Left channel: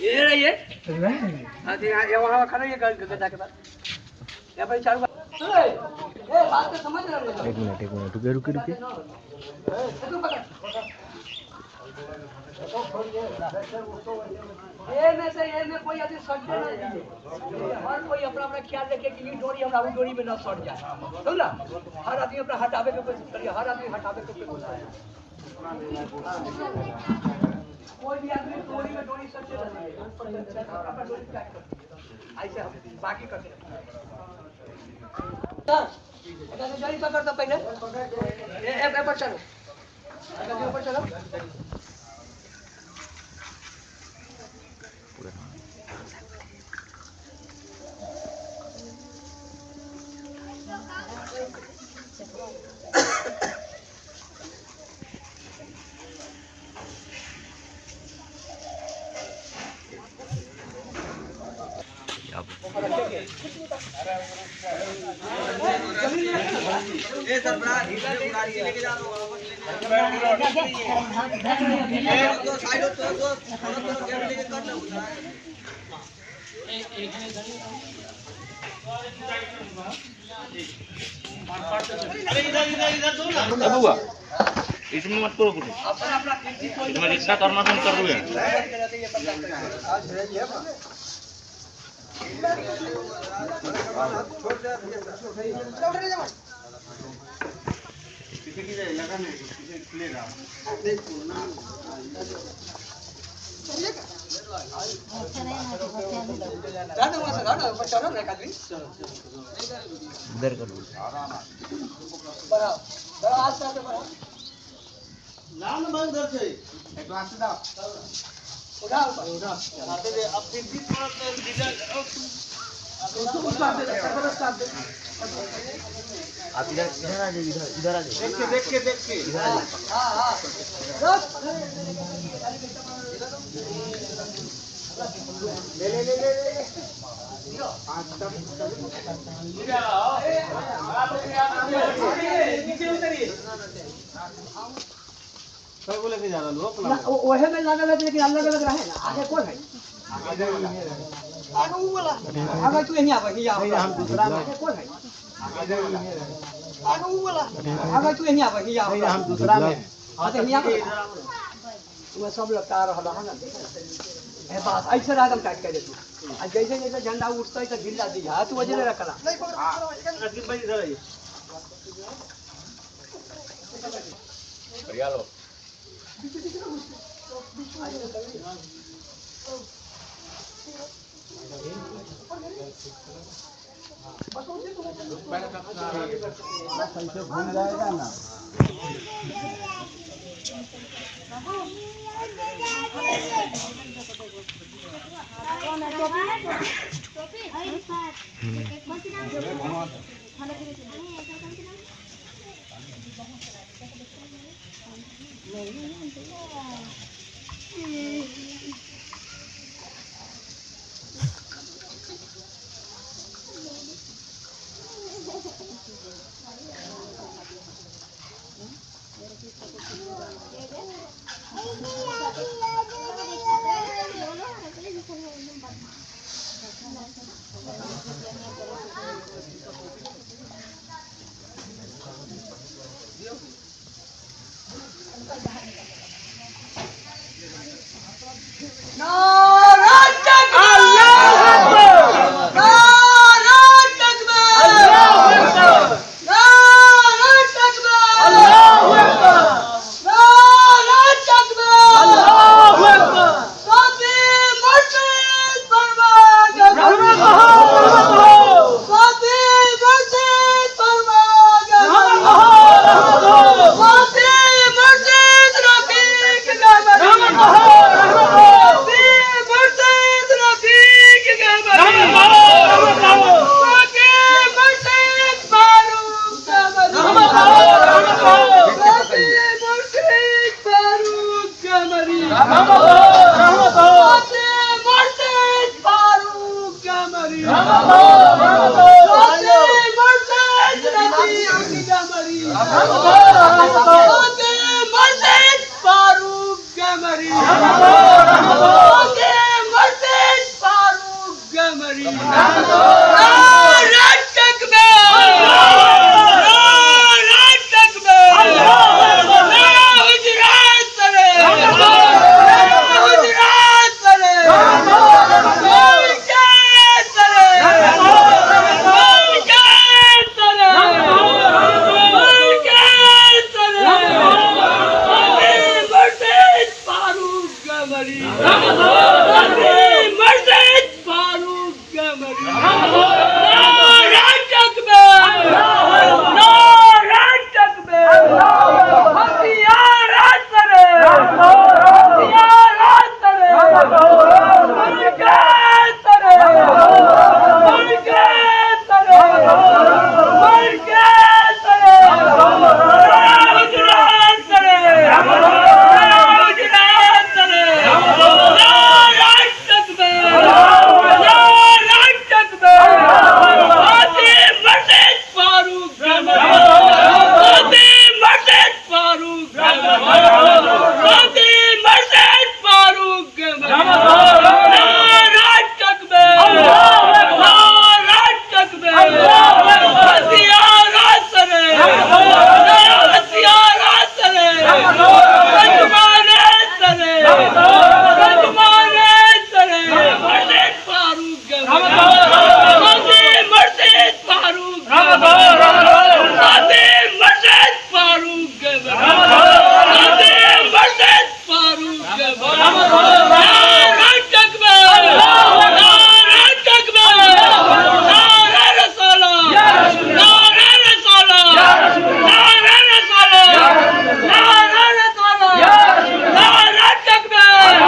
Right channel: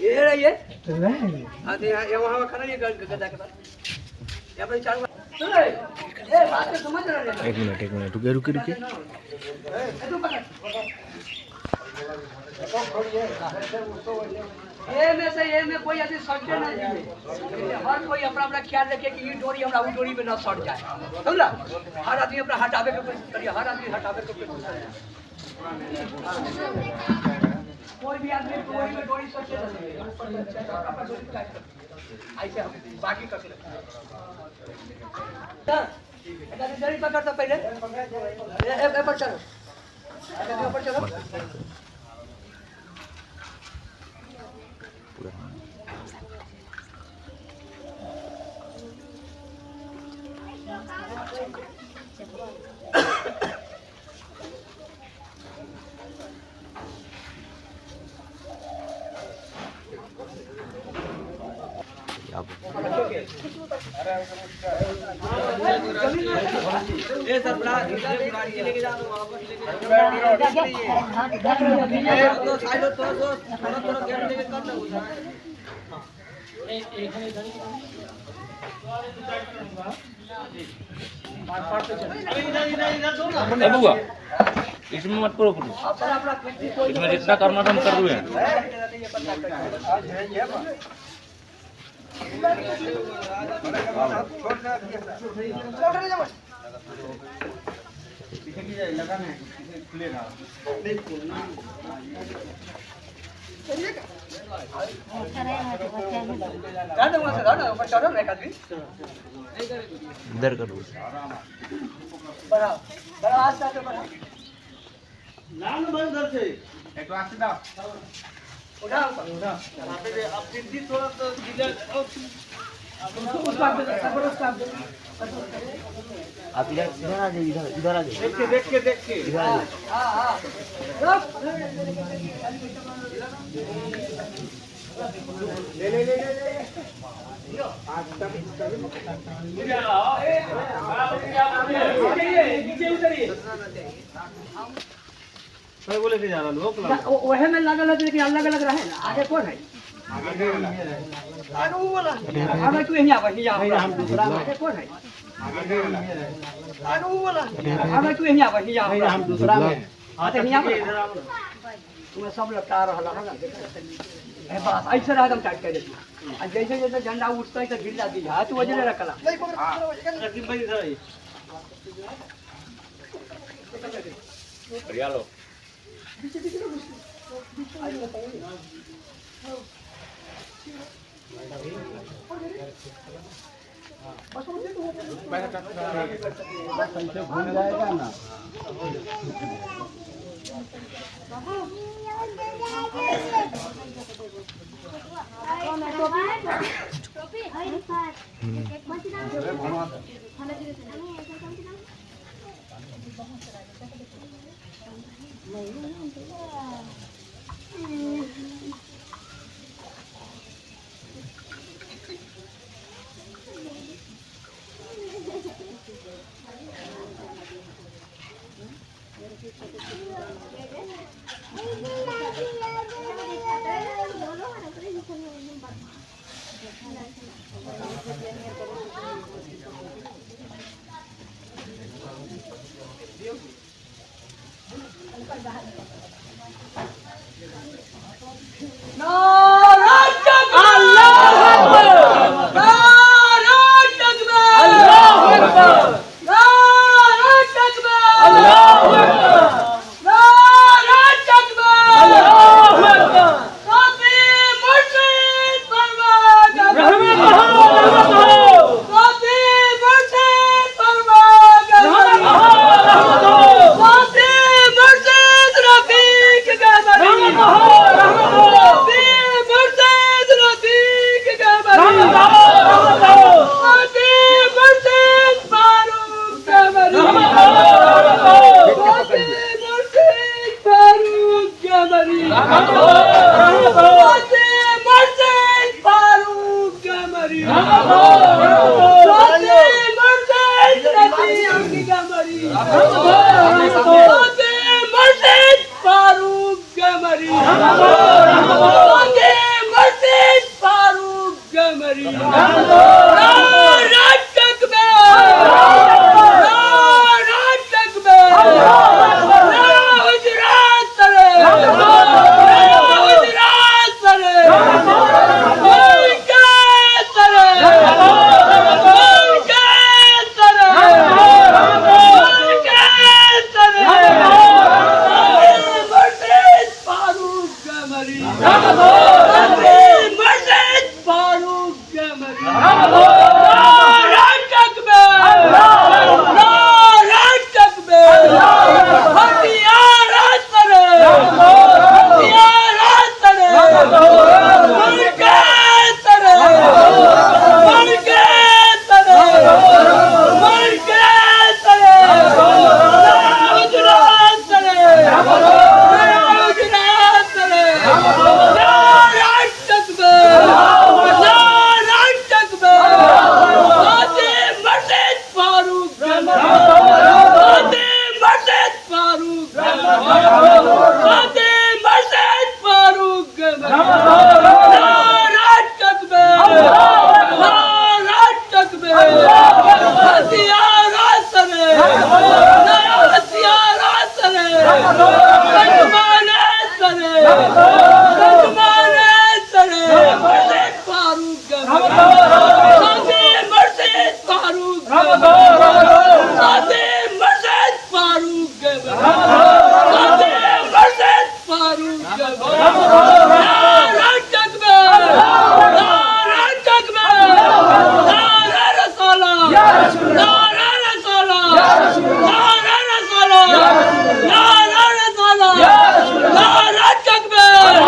ये रही है हां ये वहां खड़ा ये गदा के पास यहां पर चालू ए बात को समझ रहा है। एक मिनट रुके ये में कोई अभी सटे ना दिए हर कोई अपना अपना ख्याल रखे कि ये डोरी हमरा वो डोरी में ना सट जाए समझला। हर आदमी अपना हटावे के कोशिश करिए हर आदमी हटावे के कोशिश करिए कोई भी आदमी डोरी सटे ना अपना डोरी टाइट कर ऐसे बाकी कर ऐसा डोरी पकड़ तो पहले एक पर चलो ऐसा ऊपर चलो ये सर बड़ा लेके जा दो तो साइड तो थोड़ा गेट लेके कर दो इधर दो ना बुआ इसमें मत करो इसमें रिश्ता करना कम कर दो छोड़ दे इधर कर बड़ा बड़ा हाथ से बड़ा लाल बंद कर से एक हाथ से उठा यहां पे अब फिर भी थोड़ा तो आप इधर आ जाइए इधर आ जाइए देख के इधर आ जाइए हां ले आज तक नीचे उतरिए सब बोले से ज्यादा लोग ओहे में लगल है लेकिन अलग अलग रहे ना आगे कौन है आगे वो वाला आगे तू यहां पर हम दूसरा आगे कौन है आगे वो वाला आगे तू यहां पर हम दूसरा में आते यहां पर तुम्हें सब लगता रहला है ना है बात ऐसे एकदम टाइट कर दे तू आज जैसे जैसे झंडा उठता है तो ढीला दी हाथ वजरे रखला नहीं पकड़ रखी भाई इधर आइए बढ़िया लो घूम जाएगा ना Murtad! غازی مرشد فاروق نعرہ تکبیر نعرہ تکبیر ہتھیار سرے ہتھیار سرے رجمان سرے رجمان سرے مرشد فاروق غازی مرشد فاروق غازی مرشد فاروق غازی مرشد فاروق نعرہ تکبیر نعرہ تکبیر نعرہ رسالت نعرہ رسالت نعرہ رسالت نعرہ رسالت نعرہ تکبیر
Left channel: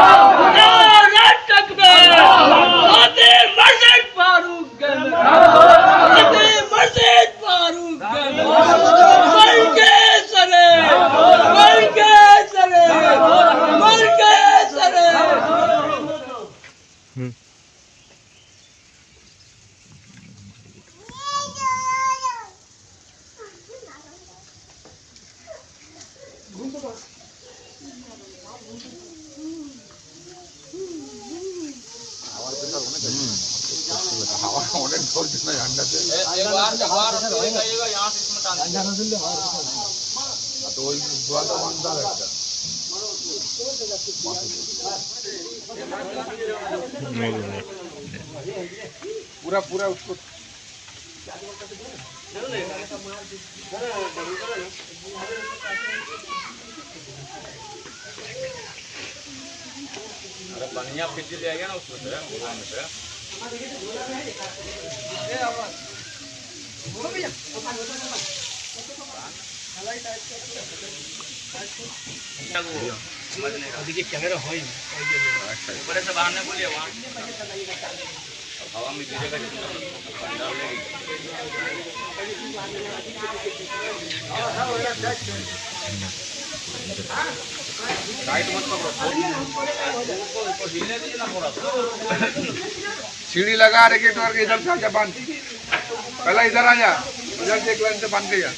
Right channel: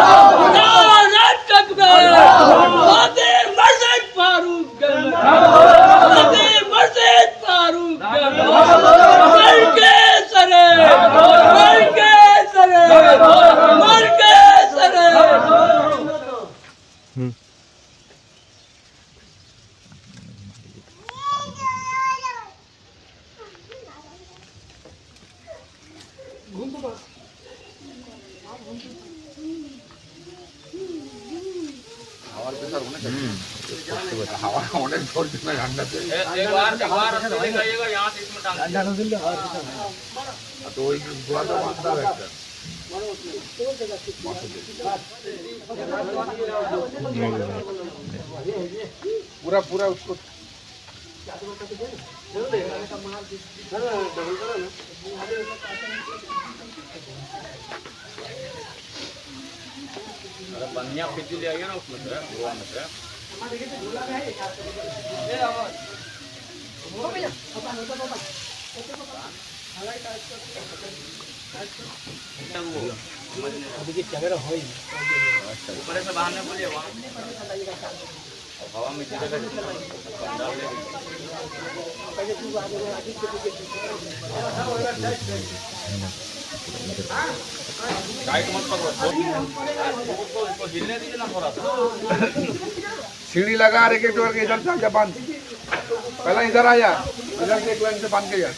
نعرہ تکبیر غازی مرشد فاروق غازی مرشد فاروق ملک سرے ملک سرے ملک سرے पूरा पूरा उसको बढ़िया खींच लिया गया ना उसमें से गोवा में से देखिए कैमरा हो ही ऊपर से बाहर नहीं बोलिए वहाँ हवा में गिरेगा पंडाल हिलने दीजिए ना थोड़ा सीढ़ी लगा रैकेट वर्क इधर से आके बांध पहला इधर आया इधर से एक लाइन से बांध के जा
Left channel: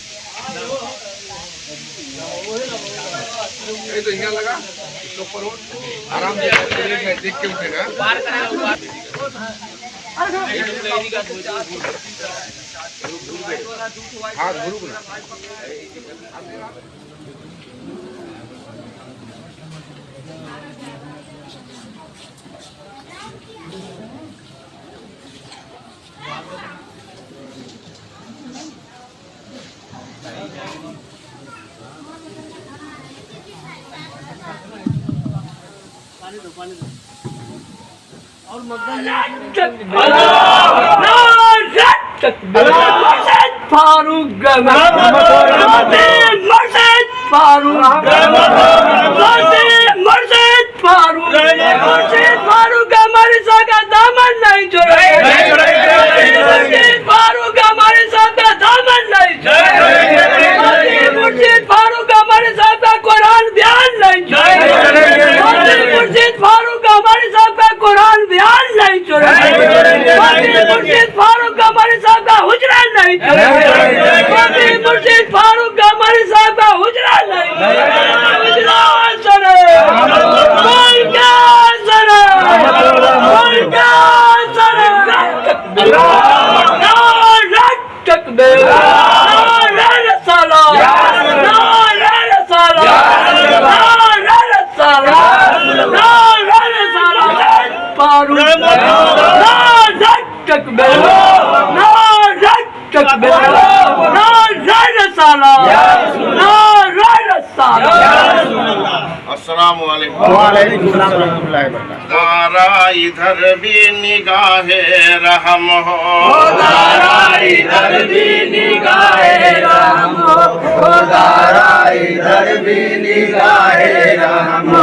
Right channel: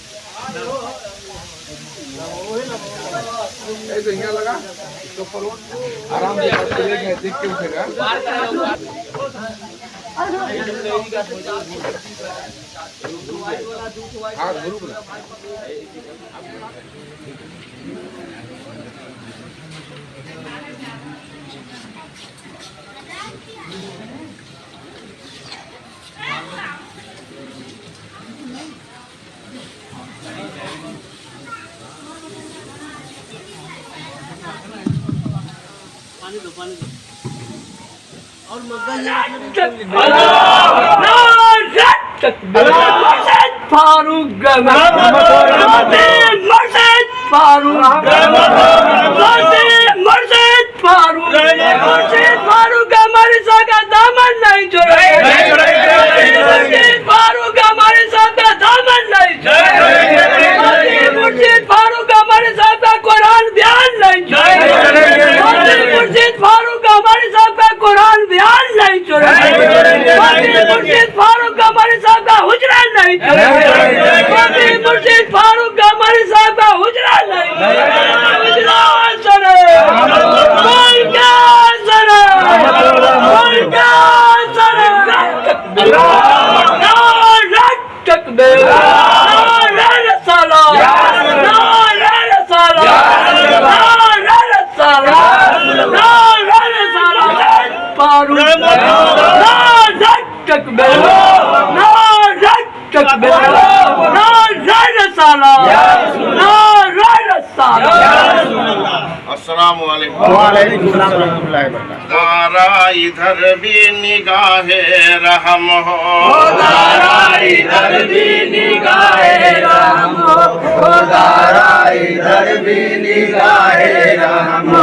तो यहाँ लगा इसके ऊपर आराम से देख के उठेगा हाँ घुरुक ना مرشد فاروق غازی مرشد فاروق غازی مرشد فاروق مرشد فاروق ہمارے ساتھ دامن نہیں چھوڑے مرشد فاروق ہمارے ساتھ دامن نہیں چھوڑے مرشد فاروق ہمارے ساتھ قرآن بیان نہیں چھوڑے مرشد فاروق ہمارے ساتھ قرآن بیان نہیں چھوڑے مرشد فاروق ہمارے ساتھ حجرہ نہیں چھوڑے مرشد فاروق ہمارے ساتھ حجرہ نہیں چھوڑے حجرہ سرے ملک سرے ملک سرے نعرہ تکبیر نعرہ رسالت نعرہ رسالت نعرہ رسالت نعرہ رسالت فاروق نعرہ تکبیر نعرہ تکبیر نعرہ رسالت نعرہ رسالت السلام علیکم وعلیکم السلام ورحمۃ اللہ وبرکاتہ تارا ادھر بھی نگاہ رحم ہو ادھر بھی نگاہ رحم خدارا ادھر بھی نگاہ رحم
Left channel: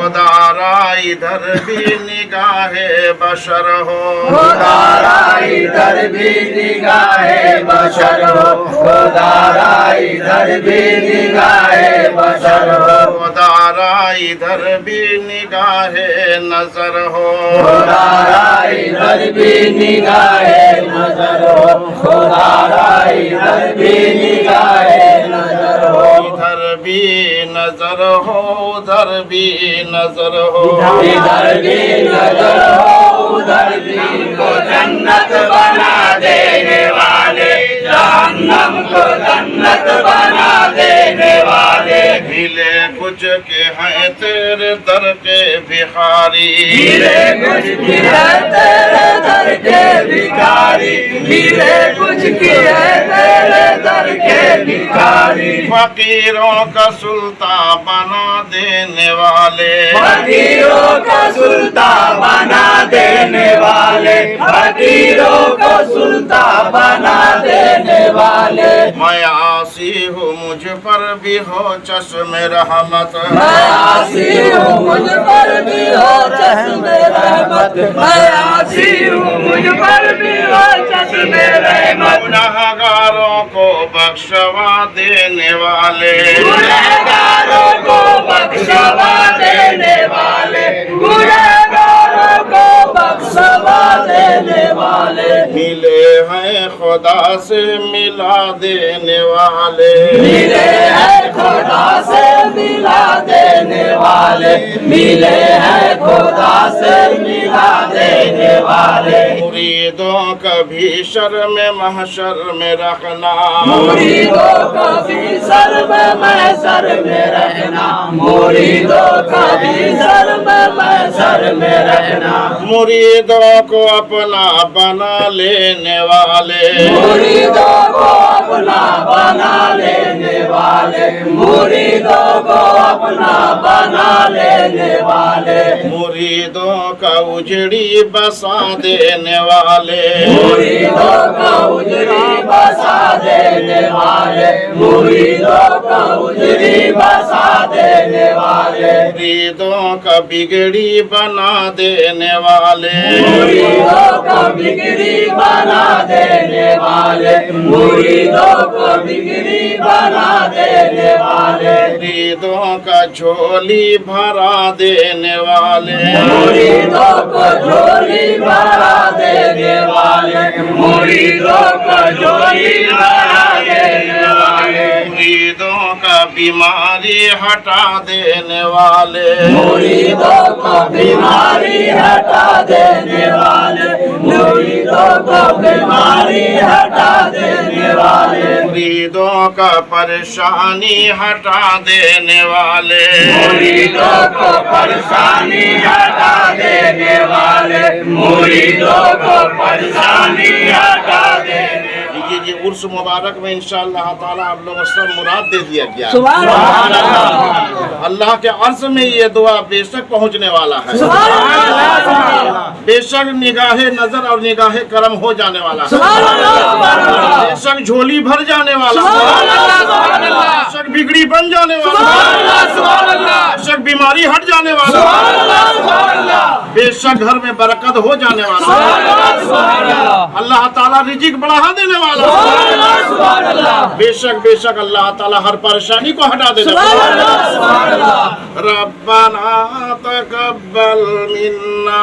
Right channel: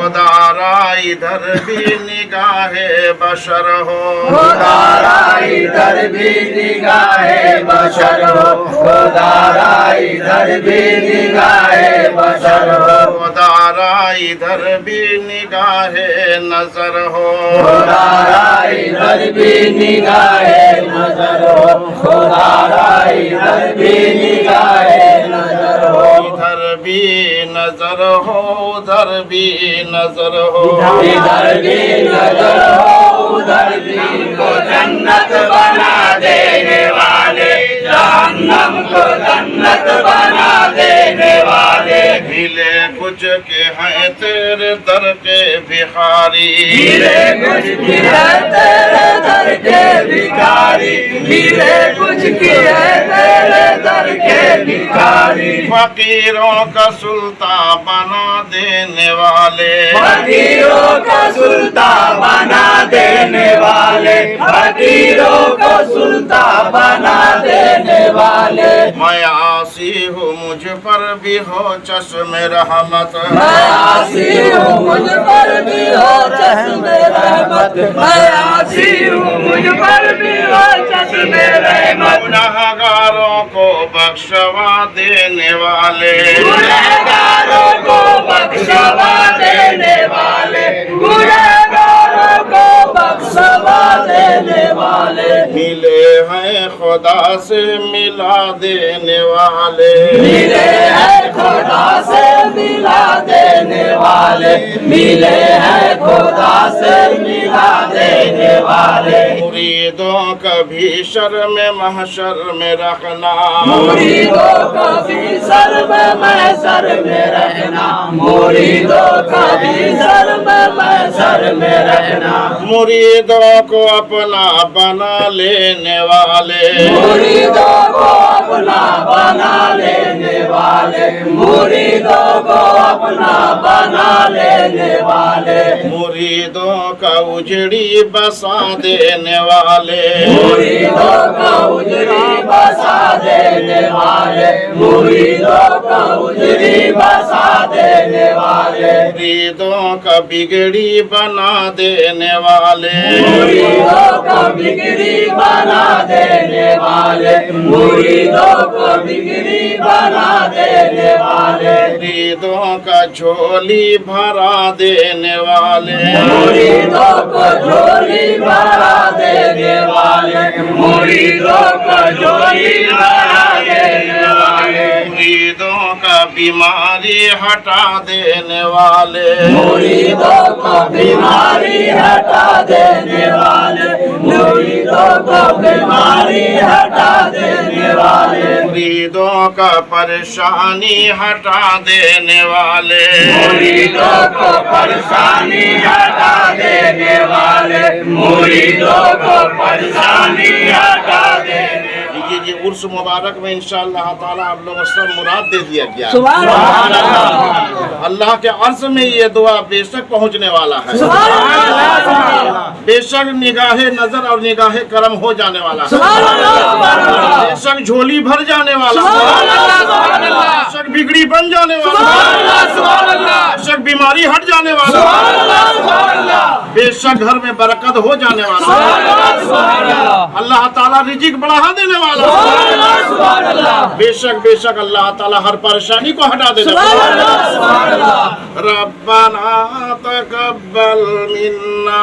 خدارا ادھر بھی نگاہ بشر ہو خدارا ادھر بھی نگاہ بشر ہو خدارا ادھر بھی نگاہ بشر ہو خدارا ادھر بھی نگاہ نظر ہو خدارا ادھر بھی نگاہ نظر ہو خدارا ادھر بھی نگاہ نظر ہو ادھر بھی نظر ہو ادھر بھی نظر ہو ادھر بھی نظر ہو ادھر بھی کو جنت بنا دینے والے جہنم کو جنت بنا دینے والے ملے کچھ کے ہیں تیرے در کے بھخاری ملے کچھ کی ہے تیرے در کے بھکاری ملے کچھ کی ہے تیرے در کے بھکاری فقیروں کا سلطان بنا دینے والے فقیروں کا سلطان بنا دینے والے فقیروں کو سلطان بنا دینے والے میں عاصی ہوں مجھ پر بھی ہو چشم رحمت میں عاصی ہوں مجھ پر بھی ہو چشم رحمت میں عاصی ہوں مجھ پر بھی ہو چشم رحمت گنہگاروں کو بخشوا دینے والے گنہگاروں کو بخشوا دینے والے گنہگاروں کو بخشوا دینے والے ملے ہیں خدا سے ملا دینے والے ملے ہیں خدا سے ملا دینے والے ملے ہیں خدا سے ملا دینے والے مریدوں کا بھی شرم محشر میں رکھنا مریدوں کا بھی سر میں محشر میں رکھنا مریدوں کا بھی سر میں محشر میں رکھنا مریدوں کو اپنا بنا لینے والے مریدوں کو اپنا بنا لینے والے مریدوں کو اپنا بنا لینے والے مریدوں کا اجڑی بسا دینے والے مریدوں کا اجری بسا دینے والے مریدوں کا اجری بسا دینے والے مریدوں کا بگڑی بنا دینے والے مریدوں کو بگڑی بنا دینے والے مریدوں کو بگڑی بنا دینے والے مریدوں کا جھولی بھرا دینے والے مریدوں کو جھولی بھرا دینے والے مریدوں کو جھولی بھرا دینے والے مریدوں کا بیماری ہٹا دینے والے مریدوں کو بیماری ہٹا دینے والے مریدوں کو بیماری ہٹا دینے والے مریدوں کا پریشانی ہٹا دینے والے مریدوں کو پریشانی ہٹا دینے والے مریدوں کو پریشانی ہٹا دینے یہ عرس مبارک میں انشاءاللہ تعالی آپ لوگوں سب مراد دے دیا گیا سبحان اللہ اللہ کے عرض میں یہ دعا بے شک پہنچنے والا ہے سبحان اللہ بے شک نگاہ نظر اور نگاہ کرم ہو جانے والا ہے سبحان اللہ بے شک جھولی بھر جانے والا ہے بے شک بگڑی بن جانے والا ہے بے شک بیماری ہٹ جانے والا ہے بے شک گھر میں برکت ہو جانے والا ہے اللہ تعالیٰ رزق بڑھا دینے والا ہے بے شک اللہ تعالیٰ ہر پریشانی کو ہٹا دینے والا ہے ربنا تقبل منا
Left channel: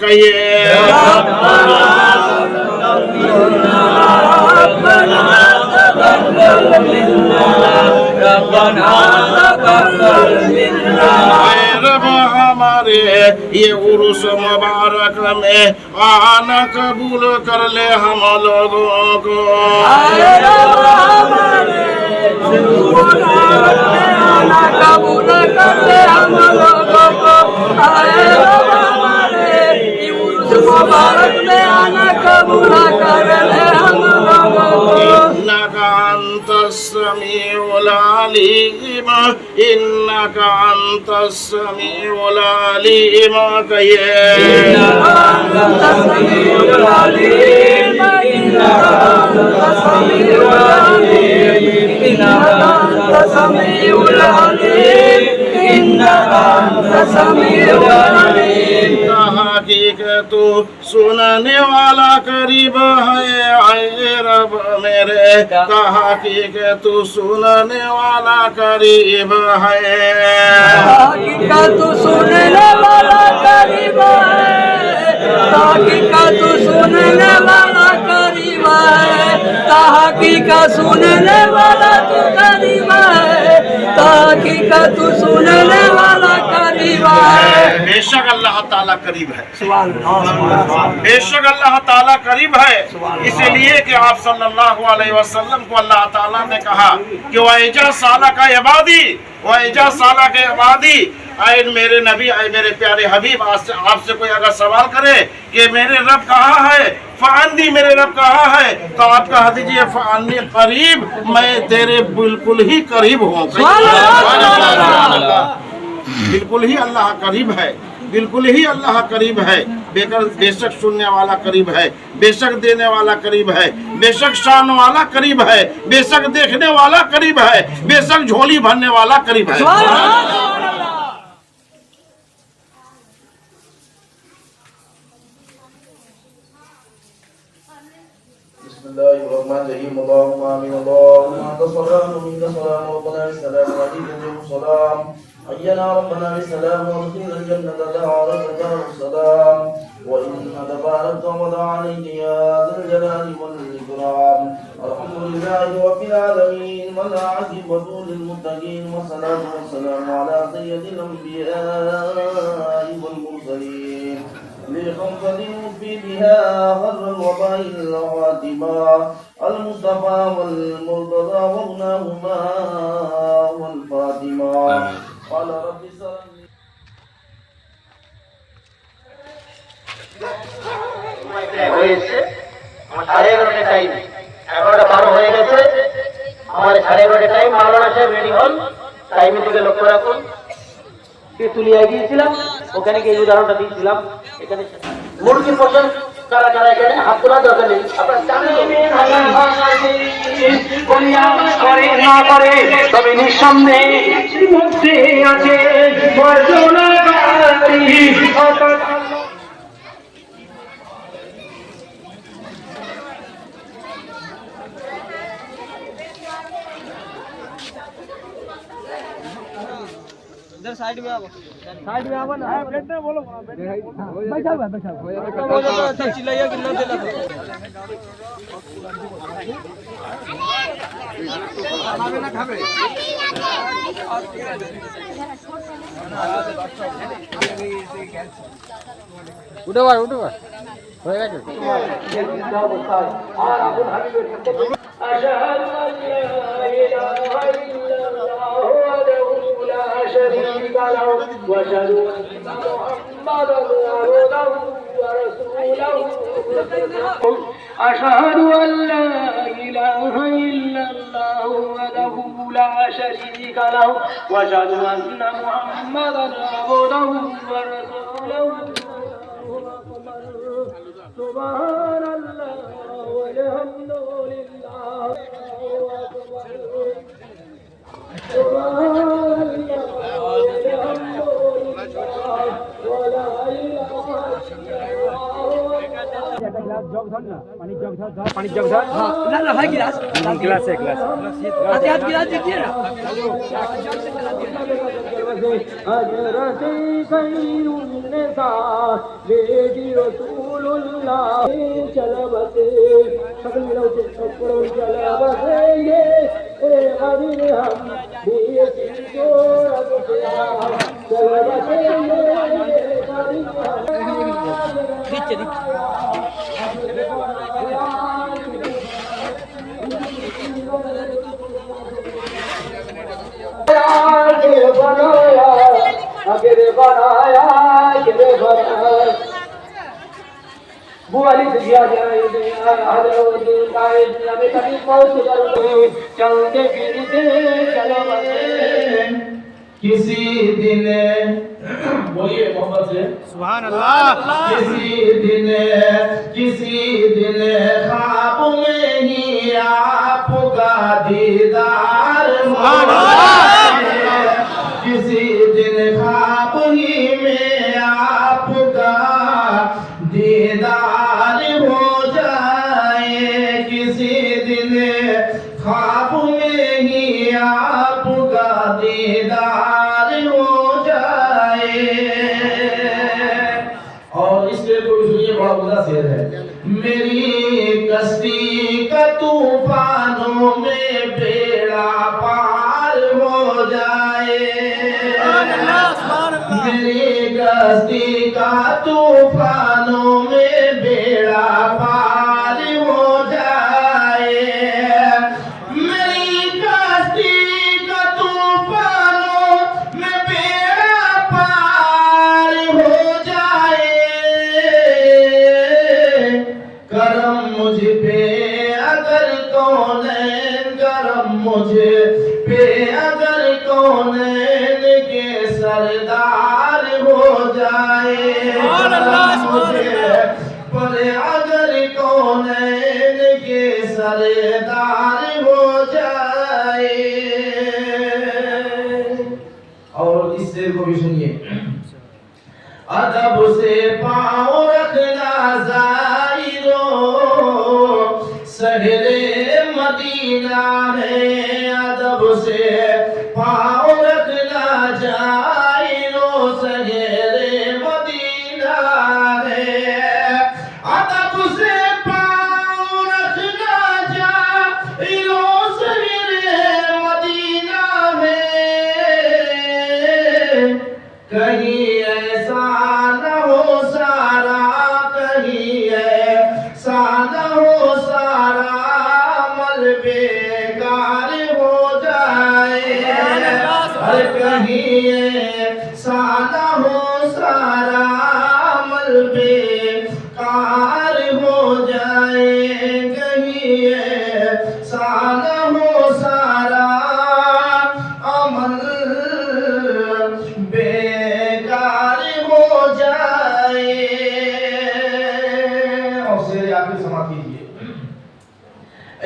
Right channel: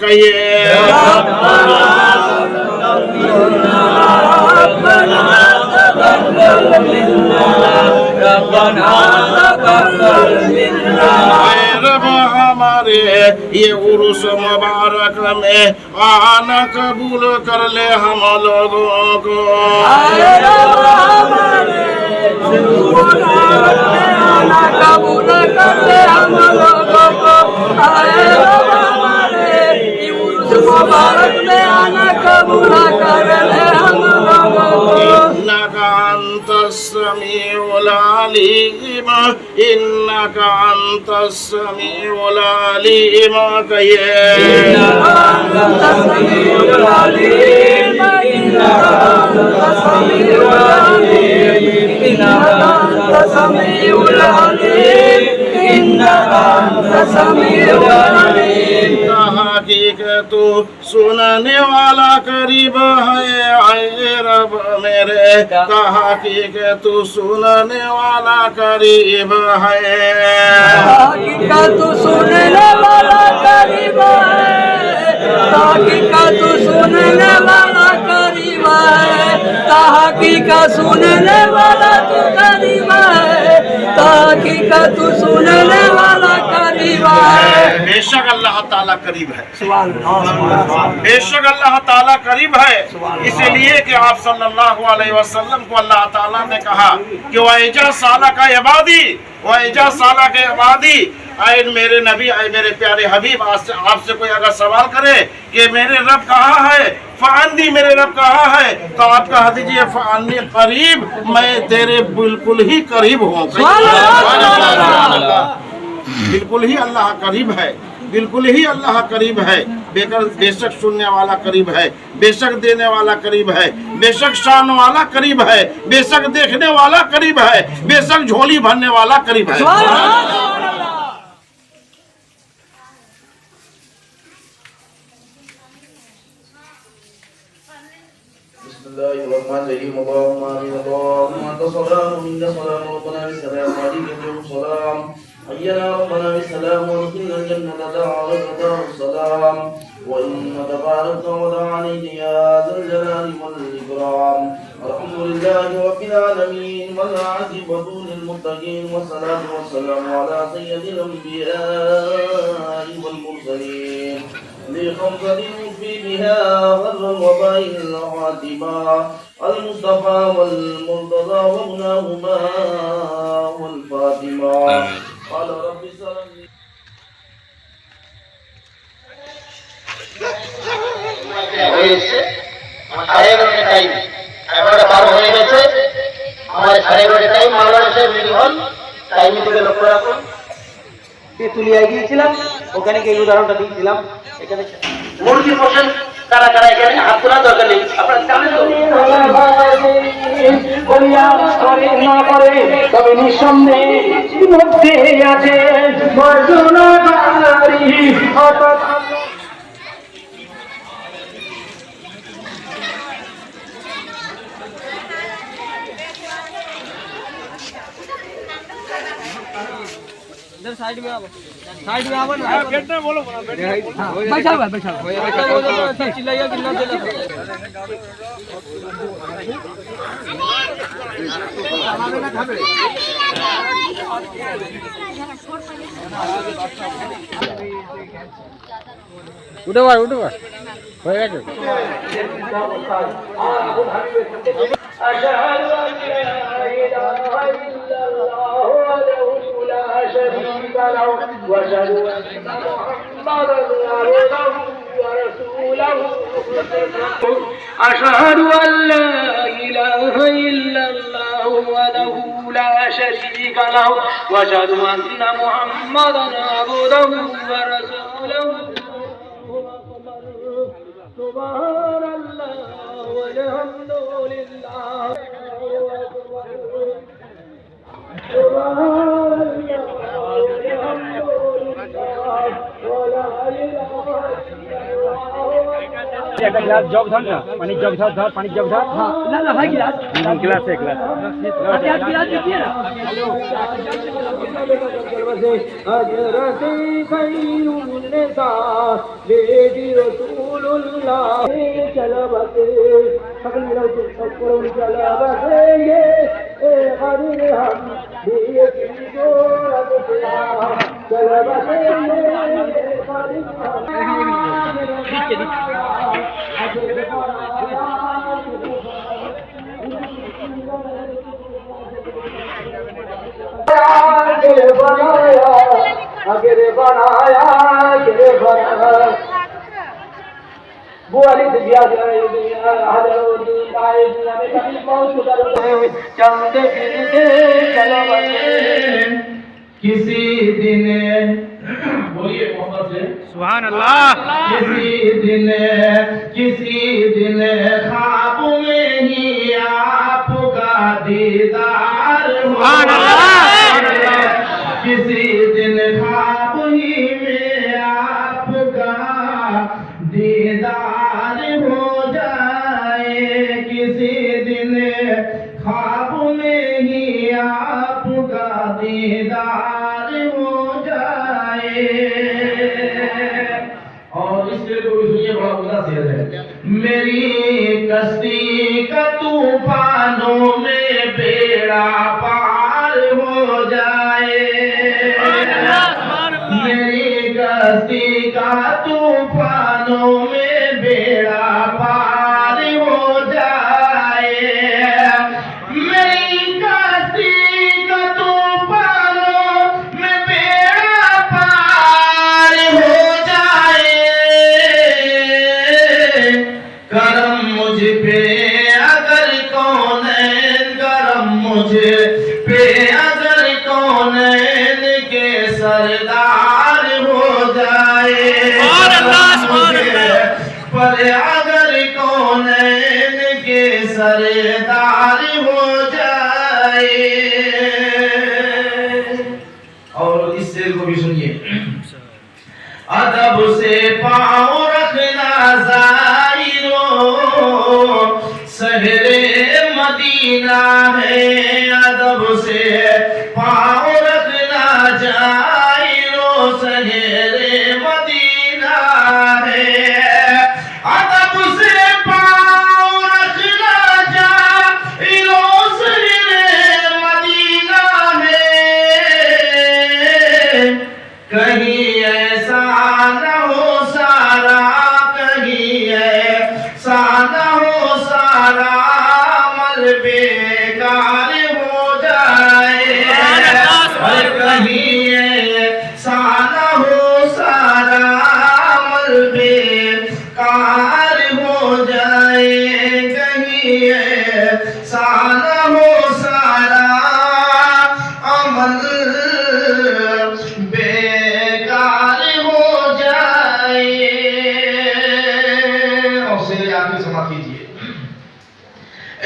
کہیے اے رب ہمارے یہ عرس مبارک میں آنا قبول کر لے ہم لوگوں کو قبول کر لے ہم لوگوں کو آئے ہمارے مبارک میں آنا قبول کر لے ہم لوگوں کو إنك أنت السميع العليم إنك أنت السميع العليم أنت السميع العليم إنك أنت السميع العليم إنك أنت السميع العليم إنك أنت السميع العليم حقیقت تو سننے والا قریب ہے اے رب میرے حقیقت تو سننے والا قریب ہے حقیقت تو سننے والا قریب ہے حقیقت تو سننے والا قریب ہے حقیقت سننے والا تو قریب ہے का तू सुनने वाला करीब है। बेशक अल्लाह ताला करीब है, सुभान अल्लाह। बेशक अल्लाह ताला करीब है। इसलिए कि आप सल्लल्लाहु अलैहि वसल्लम को अल्लाह ताला ने कहा कि वैजा साला का इबादी, वैजा साला के इबादी, आए मेरे नबी, आए मेरे प्यारे हबीब, आपसे कोई अगर सवाल करे कि मेरे रब कहाँ है, फ़अन्नी, मेरे रब कहाँ है, तो आप कह दीजिए फ़अन्नी करीब, मैं तेरे बिल्कुल ही करीब हूँ। बिल्कुल ही अल्लाह करीब है, बिल्कुल ही अल्लाह करीब है। बेशक सुनने वाला करीब है, बेशक देने वाला करीब है, बेशक शान वाला करीब है, बेशक देखने वाला करीब है, बेशक झोली भरने वाला करीब है। Bismillahirrahmanirrahim. Allahumma amin. Allahumma anta salam wa minna salam wa rabbana bisalam wa alaykum salam. Hayyana rabbana bisalam wa adkhilna al-jannata da'alaka darus salam. Wa inna tabarakta wa ta'alayka ya dhal jalali wal ikram. Alhamdulillahi rabbil alamin wa la aqibatu lil muttaqin wa salatu wa salam ala sayyidil anbiya'i wal mursalin. لخمسة في بها غر الوباء الخاتمة المصطفى والمرتضى وابنهما والفاطمة قال رب اشرح لي হয়েছে আমার 11:30 time 11:12 হয়ে গেছে আমার 11:30 টাইম মাওলানা সাহেব রেডি হন টাইমের দিকে লক্ষ্য রাখুন তেতুলিয়া গিয়েছিলাম ওখানে গিয়ে উদাহরণটা দিয়েছিলাম এখানে মুরগি পোষণ কারা কারা এখানে হাত তোলা দরকার নেই আপনার সামনে বলিয়া করে না করে তবে নিঃসন্দেহে মধ্যে আছে বর্জনাকারী इधर साइड में आओ ना। बैठना बोलो, बैठा हुआ चिल्लाइए कि ना उठो हो गया واشهد ان محمدا عبده ورسوله اشهد ان لا اله الا الله وحده لا شريك له واشهد ان محمدا عبده ورسوله سبحان الله والحمد لله जग धर ना पानी जग धर पानी जग धर हाँ ना भाई गिलास गिलास है गिलास हाथ गिलास दीजिए ना हजरत खैरुन्निसा बेटी रसूलुल्लाह चलबते सकल मिलाओ सकल चलबते ये गरीब हम बेटी जो चलबते ये गरीब हम आगे बनाया बुआली दिया जाए कभी मौत करते चलते फिरते चलो किसी दिन बोलिए मोहब्बत से सुभान अल्लाह। किसी दिन ख्वाब में ही आपका दीदार सुभान अल्लाह, सुभान अल्लाह। किसी दिन ख्वाब ही में आपका दीदार हो जाए किसी दिन ख्वाब में ही आपका दीदार हो जाए। और इसके कोई सुनिए बड़ा बुरा शेर है। मेरी कश्ती का तूफानों में बेड़ा पार हो जाए मेरी कश्ती का तूफानों में बेड़ा पार हो जाए, मेरी कश्ती का तूफानों में बेड़ा पार हो जाए, करम मुझ पे अगर कौनैन, करम मुझे पे अगर कौनैन के सरदार हो जाए, पर अगर कौनैन के सरदार हो जाए। और इस शेर को भी सुनिए। अदब से पाँव रखना ज़ाहिरो, शहरे मदीना है, अदब से पाँव रखना जाहिरो, शहरे मदीना है, अदब से पाँव रखना जाहिरो, शहरे मदीना है, कहीं ऐसा न हो सारा, कहीं ऐसा न हो सारा अमल बेकार हो जाए, कहीं ऐसा न हो सारा अमल बेकार हो जाए, कहीं ऐसा न हो सारा अमल बेकार हो जाए। और शेर आगे समाप्त कीजिए।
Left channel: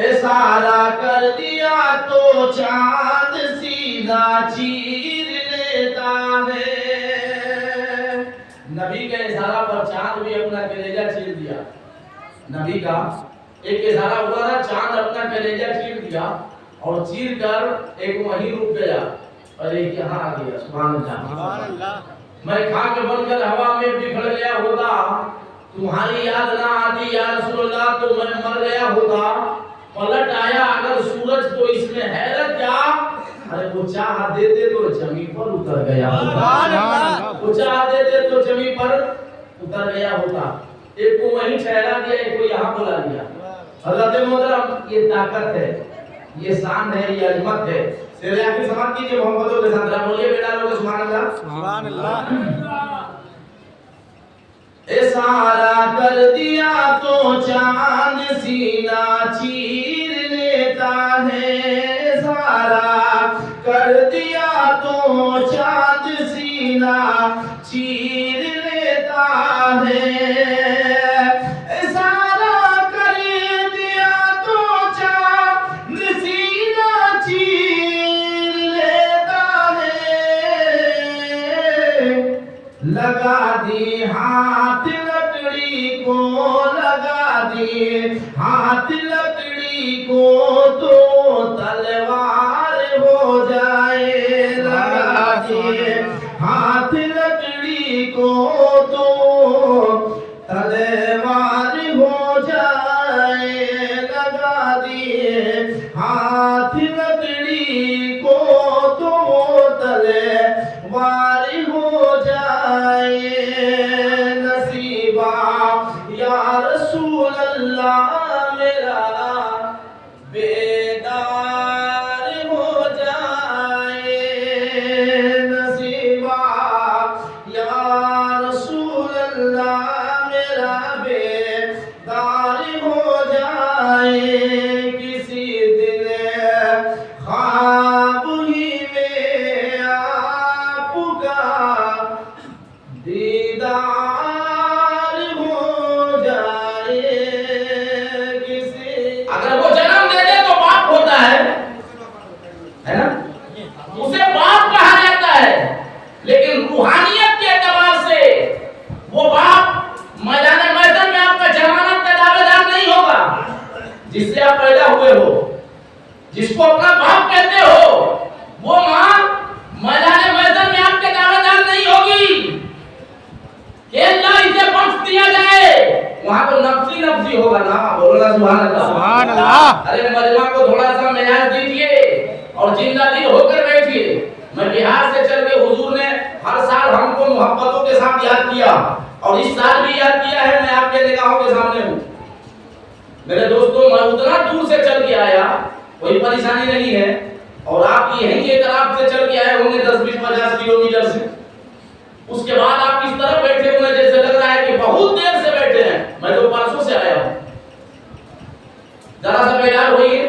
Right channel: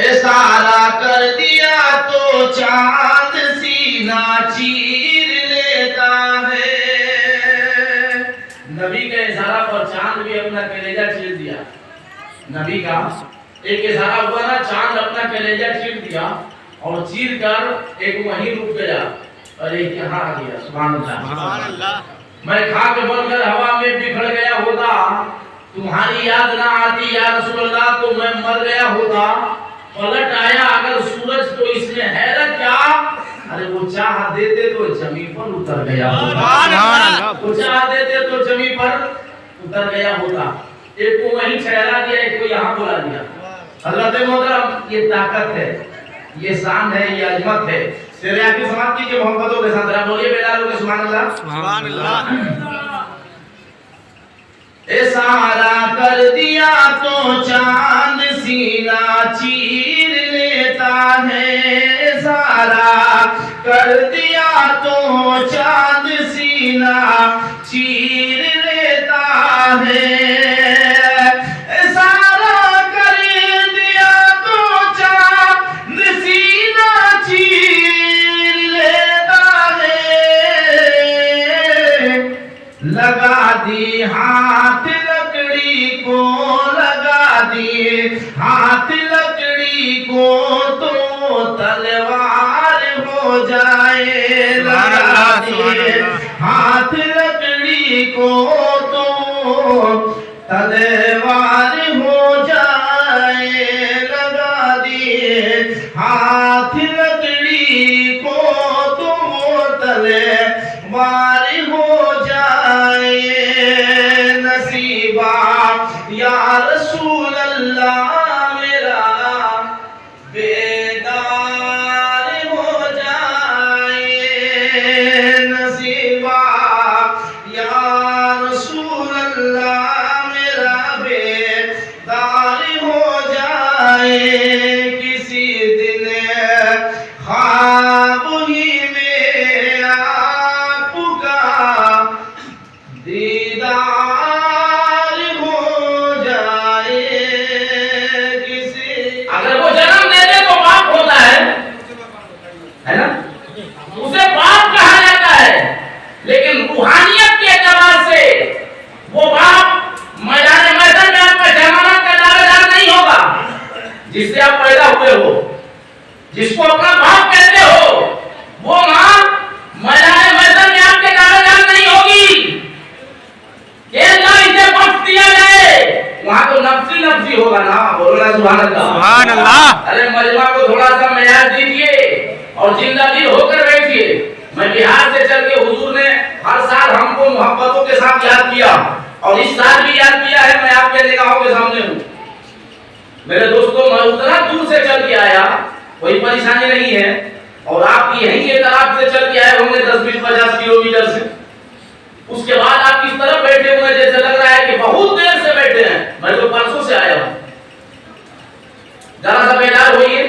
इशारा कर दिया तो चांद सीना चीर लेता है, नबी के इशारा पर चांद भी अपना कलेजा चीर दिया, नबी का एक इशारा हुआ ना, चांद अपना कलेजा चीर दिया और चीर कर एक वहीं रुक गया, अरे यहाँ आ गया, सुभान अल्लाह। मैं खाक बनकर हवा में बिखर गया होता, तुम्हारी याद ना आती या रसूल अल्लाह तो मैं मर गया होता, पलट आया अगर सूरज तो इसमें हैरत क्या, अरे वो चाह देते तो जमीन पर उतर गया होता, वो चाह देते तो जमीन पर उतर गया होता, एक को वहीं ठहरा दिया, एक को यहाँ बुला दिया। हज़रत मोहतरम ये ताकत है, ये शान है, ये अजमत है। शेर आखिर समाप्त कीजिए मोहब्बतों के साथ, बोलिए बेटा लोग सुभान अल्लाह, सुभान अल्लाह। इशारा कर दिया तो चांद सीना चीर लेता है, इशारा कर दिया तो चांद सीना चीर लेता है, इशारा कर दिया तो चांद सीना चीर लेता है, लगा दी हाथ लकड़ी को, लगा दी हाथ लकड़ी को तो तलवार हो जाए, लगा दी हाथ लकड़ी को तो तलवार हो जाए, लगा दी हाथ लकड़ी को तो तलवार हो जाए, नसीबा या रसूल अल्लाह मेरा बेदार हो जाए, नसीबा या रसूल अल्लाह मेरा बेदार हो जाए, किसी दिन ख्वाब ही में आपका दीदार हो जाए, किसी अगर वो जन्म दे दे तो बाप होता है ना, उसे बाप कहा जाता है, लेकिन रूहानियत के एतबार से वो बाप मैदान में आपका जमानत का दावेदार नहीं होगा, जिससे आप पैदा हुए हो, जिसको अपना बाप कहते हो, वो माँ मैदान में आपके दावेदार नहीं होगी, इसे बख्श दिया जाए, वहाँ तो नफ्सी नफ्सी होगा ना, बोलो ना सुभान अल्लाह, सुभान अल्लाह। अरे मजमा को थोड़ा सा मयाज दीजिए और जिंदा दिल होकर बैठिए। मैं बिहार से चल के हुजूर ने हर साल हमको मोहब्बतों के साथ याद किया और इस साल भी याद किया है। मैं आपके निगाहों के सामने हूँ मेरे दोस्तों। मैं उतना दूर से चल के आया, कोई परेशानी नहीं है, और आप यहीं के तरफ से चल के आए होंगे 10-20-50 किलोमीटर से। उसके बाद आप इस तरफ बैठे हुए जैसे लग रहा है कि बहुत देर से बैठे हैं। मैं तो परसों से आया हूँ। जरा सा बेदार होइए,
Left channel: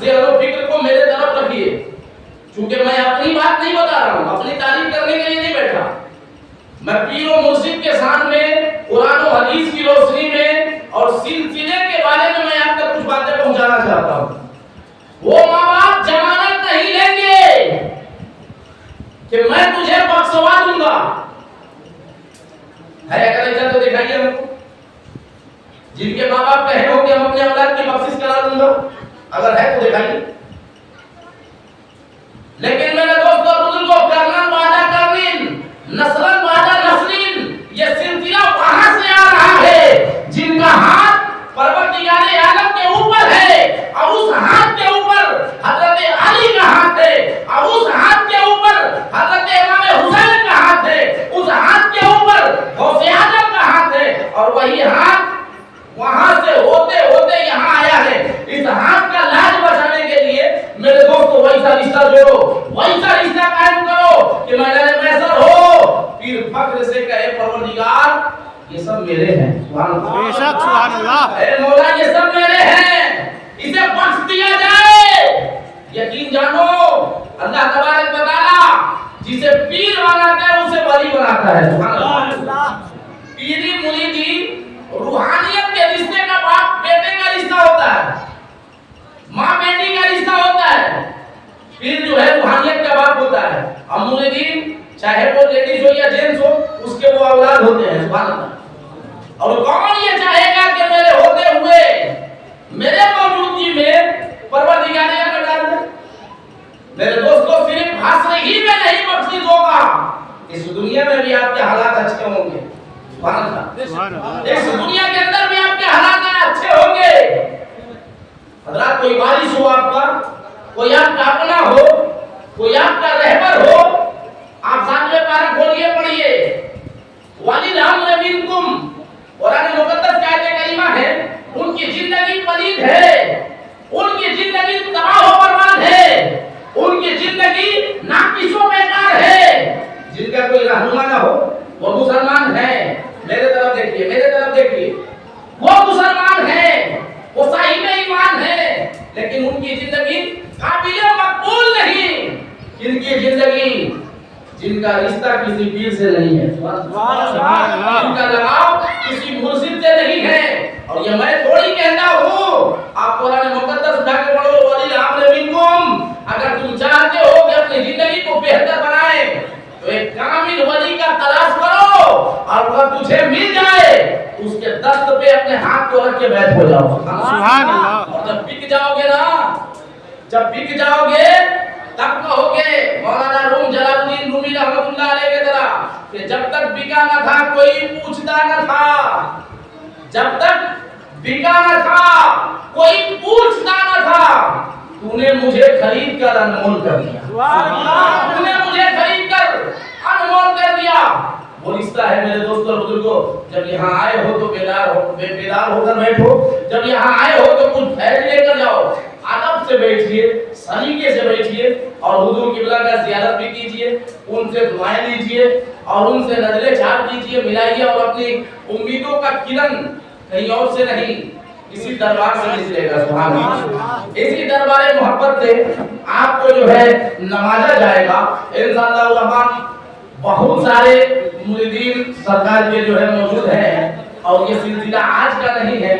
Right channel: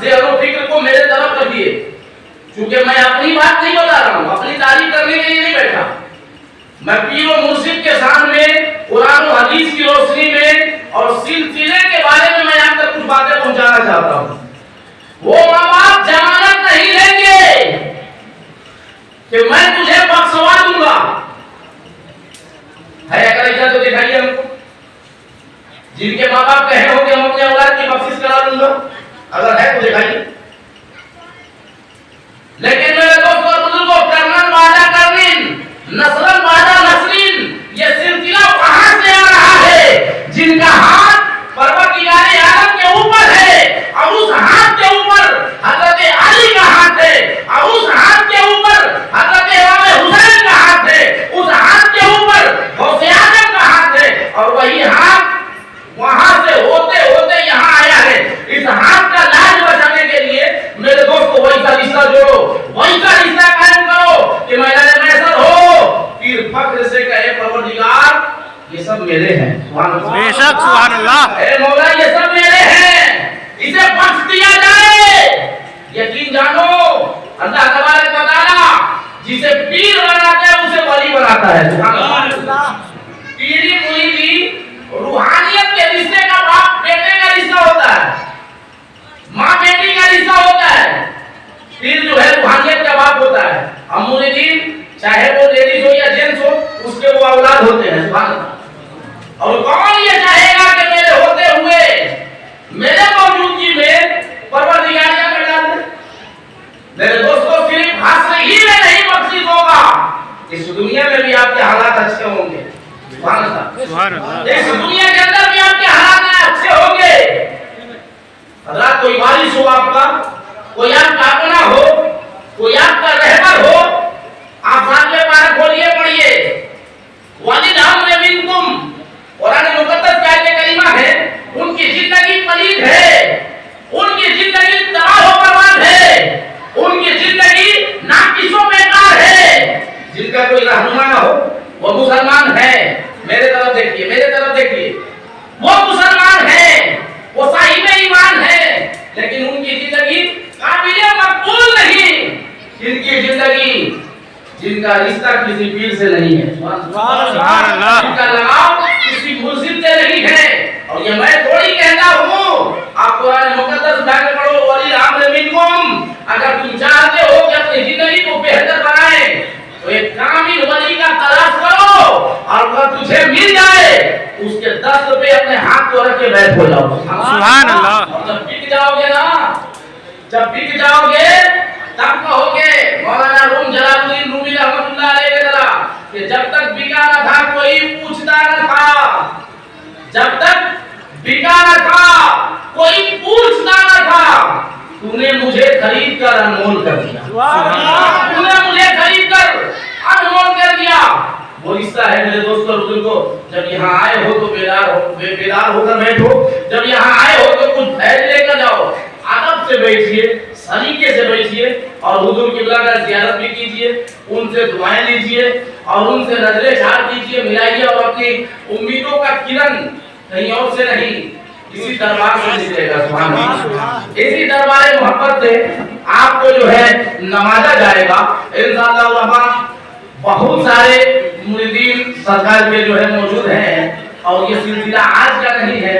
ज़हन फिक्र को मेरे तरफ रखिए, क्योंकि मैं अपनी बात नहीं बता रहा हूँ, अपनी तारीफ करने के लिए नहीं बैठा। मैं पीर और मुर्शिद के सामने कुरान और हदीस की रोशनी में और सिलसिले के बारे में मैं आप तक कुछ बातें पहुंचाना चाहता हूँ। वो माँ बाप जमानत नहीं लेंगे कि मैं तुझे बख्शवा दूंगा। है अगर इधर तो दिखाइए हमको, जिनके माँ बाप कहे हो कि हम अपने औलाद की बख्शिश करा दूंगा, अगर है तो दिखाइए। लेकिन मेरे दोस्तों बुजुर्गों, करनन वादा करनिन, नस्लन वादा नस्लिन, ये सिलसिला कहां से आ रहा है? जिनका हाथ परवरदिगारे आलम के ऊपर है और उस हाथ के ऊपर हजरत अली का हाथ है, और उस हाथ के ऊपर हजरत इमाम हुसैन का हाथ है, उस हाथ के ऊपर गौसे आजम का हाथ है, और वही हाथ वहां से होते होते यहाँ आया है। इस हाथ का लाज बचाने के लिए मेरे दोस्तों वैसा रिश्ता जोड़ो, वैसा रिश्ता कायम करो कि महिला ने मैसर हो, पीर फख्र से कहे परवरदिगार ये सब मेरे हैं। सुभान अल्लाह, बेशक सुभान अल्लाह। ए मौला ये सब मेरे हैं, इसे बख्श दिया जाए। यकीन जानो अल्लाह तबारक व तआला जिसे पीर बनाता है उसे वली बनाता है। सुभान अल्लाह। पीरी मुरीदी रूहानियत के रिश्ते का बाप बेटे का रिश्ता होता है, माँ बेटी का रिश्ता होता है। पीर जो है रूहानियत का बाप होता है। अब मुरीदीन चाहे वो लेडीज हो या जेंट्स हो, उसके वो औलाद होते हैं। सुभान अल्लाह। और कौन ये चाहेगा कि मेरे होते हुए मेरे मौजूदगी में परवरदिगारिया में डाल दे? मेरे दोस्तों सिर्फ हस्र ही में नहीं बख्शिश होगा, इस दुनिया में भी आपके हालात अच्छे होंगे। सुभान अल्लाह। इस दुनिया के अंदर भी आपके हालात अच्छे होंगे। हजरत कोई वारिस हो आपका, कोई आपका अपना हो, कोई आपका रहबर हो, आप साथ में पारा खोलिए पढ़िए। वालिद हमने मिनकुम, कुरान मुकद्दस की आयत करीमा है, उनकी जिंदगी पलीद है, उनकी जिंदगी तबाह व बर्बाद है, उनकी जिंदगी नाकिसों बेकार है। जिनका कोई रहनुमा ना हो वो मुसलमान है। मेरे तरफ देखिए, मेरे तरफ देखिए, वो मुसलमान है, वो साहिब ईमान है, लेकिन उनकी जिंदगी काबिले मकबूल नहीं। इनकी जिंदगी, जिनका रिश्ता किसी पीर से नहीं है, सुभान अल्लाह, जिनका लगाव किसी मुर्शिद से नहीं है। और ये मैं थोड़ी कहता हूँ, आप कुरान मुकद्दस में पढ़ो, वली हमने मिनकुम। अगर तुम चाहते हो कि अपनी जिंदगी को बेहतर बनाए तो एक कामिल वली का तलाश करो, और अगर तुझे मिल जाए उसके दस्त पे अपने हाथ को रख के बैठ हो जाओ। सुभान अल्लाह। और जब बिक जाओगे ना, जब बिक जाओगे तब कहोगे मौलाना रूम जलालुद्दीन रूमी रहमतुल्लाह अलैह के तरह कि जब तक बिका न था कोई पूछता न था, जब तक बिका न था कोई पूछता न था, तूने मुझे खरीद कर अनमोल कर दिया, तूने मुझे खरीद कर अनमोल कर दिया। वो रिश्ता है मेरे दोस्तों बुजुर्गों। जब यहाँ आए हो तो बेदार होकर बैठो, जब यहाँ आए हो तो कुछ फैज लेकर जाओ, अदब से बैठिए, सलीके से बैठिए, और हुजूर किबला का ज़ियारत भी कीजिए, उनसे दुआएं लीजिए, और उनसे नजरें झाड़ दीजिए, मिलाइए, और अपनी उम्मीदों का किरण कहीं और से नहीं, इसी दरबार से निकलेगा। सुभान अल्लाह। इसी दरबार मोहब्बत से आपको जो है नवाजा जाएगा इंशाअल्लाह रहमान। बहुत सारे मुरीदीन सरकार के जो है मौजूद हैं, और ये सिलसिला आज का नहीं है,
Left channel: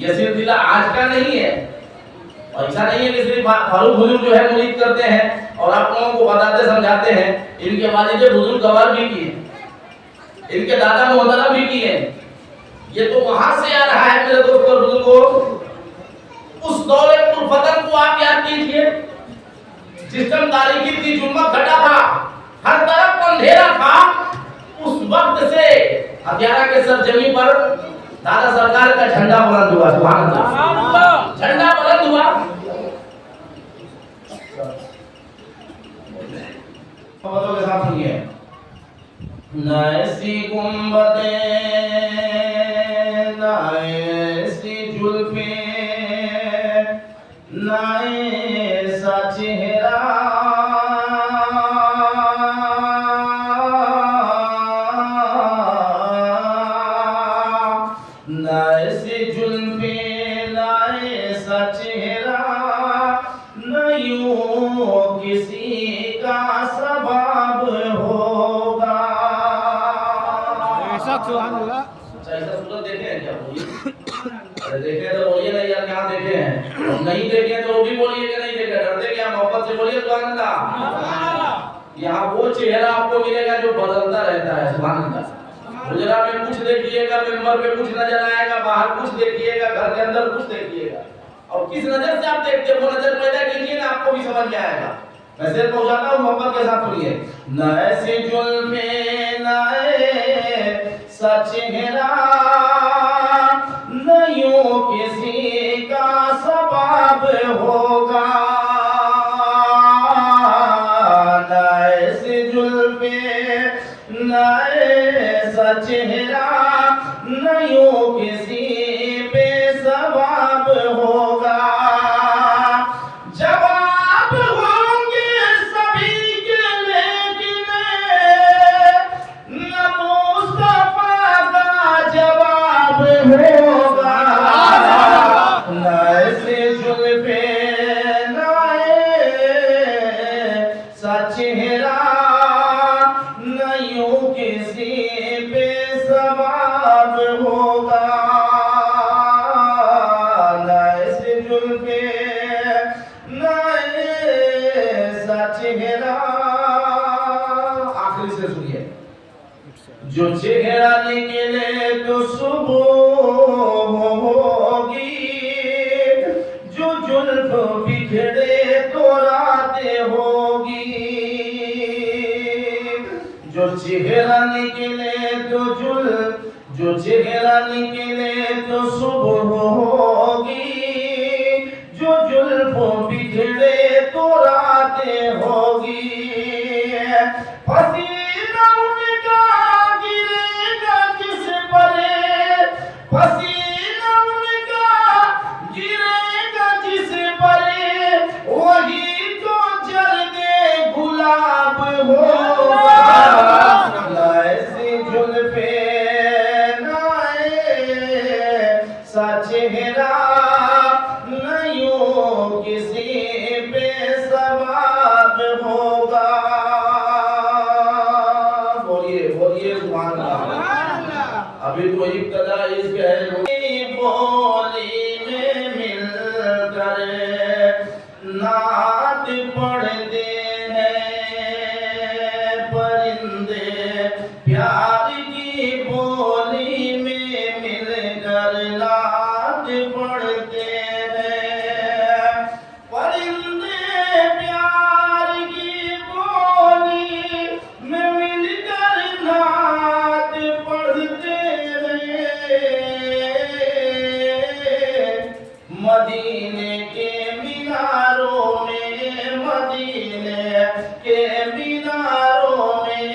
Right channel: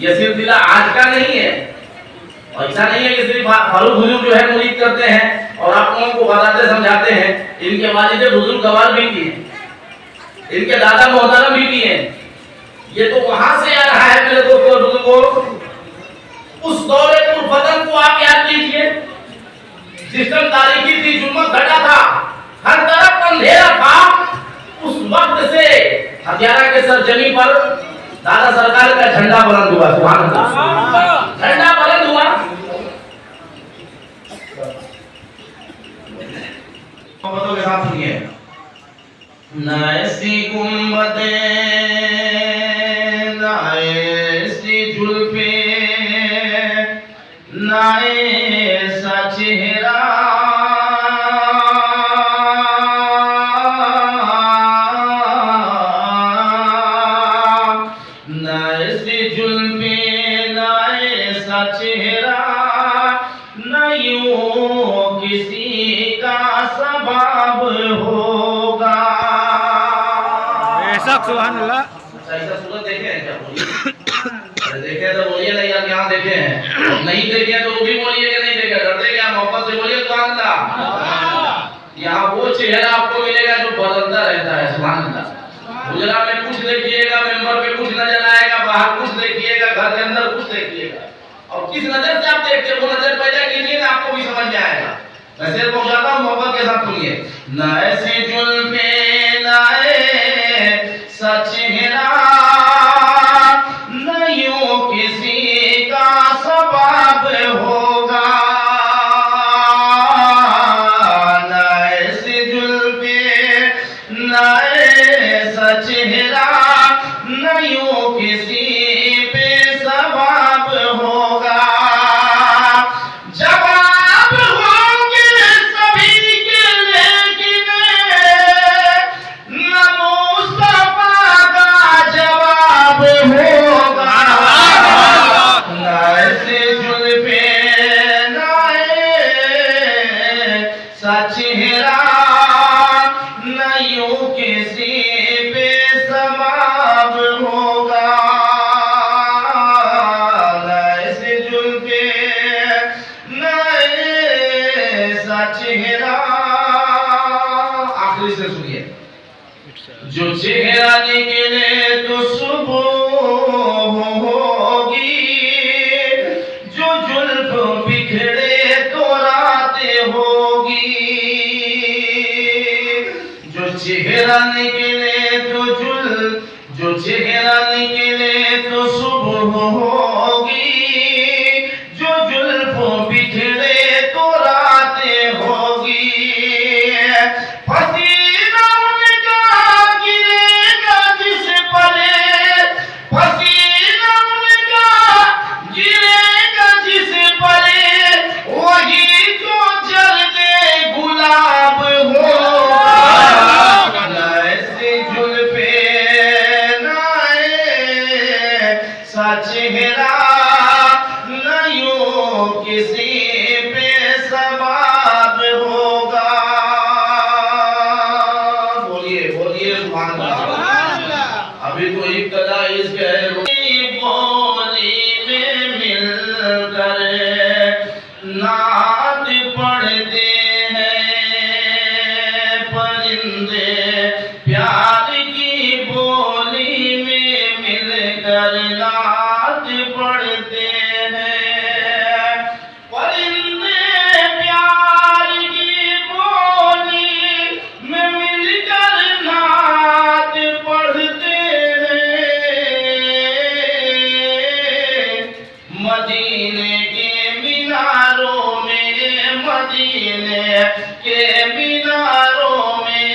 ये सिलसिला आज का नहीं है। ऐसा नहीं है कि सिर्फ फारूक हुजूर जो है मुरीद करते हैं और आप लोगों को बताते समझाते हैं। इनके वालिद बुजुर्ग गवाह भी किए, इनके दादा मोहतरम भी किए। ये तो वहां से आ रहा है मेरे दोस्तों बुजुर्गों। उस दौरे कुर्फतन को आप याद कीजिए, जिस टाइम तारीखी थी, जुम्मत घटा था, हर तरफ अंधेरा था। उस वक्त से हथियारा के सरजमी पर दादा सरकार का झंडा बुलंद हुआ। सुभान अल्लाह, झंडा बुलंद हुआ। साथ सुनिए। न ऐसी गुंबदें, न ऐसी जुल्फें, न ऐसा चेहरा, न ऐसी जुल्फें, न ऐसा चेहरा, न यूं किसी का स्वभाव होगा। सुभान अल्लाह। ऐसा सूरत देखे हैं क्या? बोलिए। देखे तो बोलिए, नहीं आप यहाँ देखे हैं, नहीं देखे तो वो भी बोलिए कि नहीं देखे। डरते क्या? मोहब्बत से बोलिए सुभान अल्लाह। यहाँ वो चेहरा आपको मिलेगा जो बदलता रहता है। सुभान अल्लाह। गुजरा में कुछ देखिएगा, मेंबर पे कुछ नजर आएगा, बाहर कुछ देखिएगा, घर के अंदर कुछ देखिएगा, और किस नजर से आप देखते हैं वो नजर पैदा कीजिए ना, आपको भी समझ में आएगा। मैं सिर्फ पहुंचाता हूँ, मोहब्बत के साथ सुनिए। न ऐसी जुल्फें, न ऐसा चेहरा, न यूं किसी का स्वभाव होगा। न ऐसी जुल्फें, न ऐसा चेहरा, न यूं किसी पे स्वभाव होगा। जवाब होंगे सभी के, लेकिन न मुस्तफा का जवाब होगा। न ऐसे जुल्फें, न ऐसा चेहरा, न यूं किसी पे स्वभाव होगा। न ऐसे जुल्फें, न ऐसा चेहरा। आखिरी से सुनिए। जो चेहरा निकले तो सुबह होगी, जो जुल्फ बिखरे तो रातें होगी। जो चेहरा निकले तो जो चेहरा निकले तो सुबह होगी, जो जुल्फ बिखरे तो रातें होगी। पसीना उनका गिरेगा जिस पर, पसीना उनका गिरेगा जिस पर, वही तो जलते गुलाब होगा। न ऐसी जुल्फें, न ऐसा चेहरा, न यूं किसी पे सवाब होगा। बोलिए बोलिए सुभान अल्लाह। अभी तो इब्तिदा इसके है, बोली में मिलकर नात पढ़ते हैं परिंदे, प्यार की बोली में मिलकर नात पढ़ते हैं परिंदे। प्यार की बोली में मिलकर नात पढ़ते हैं। मदीने के मीनारों में, मदीने के मीनारों में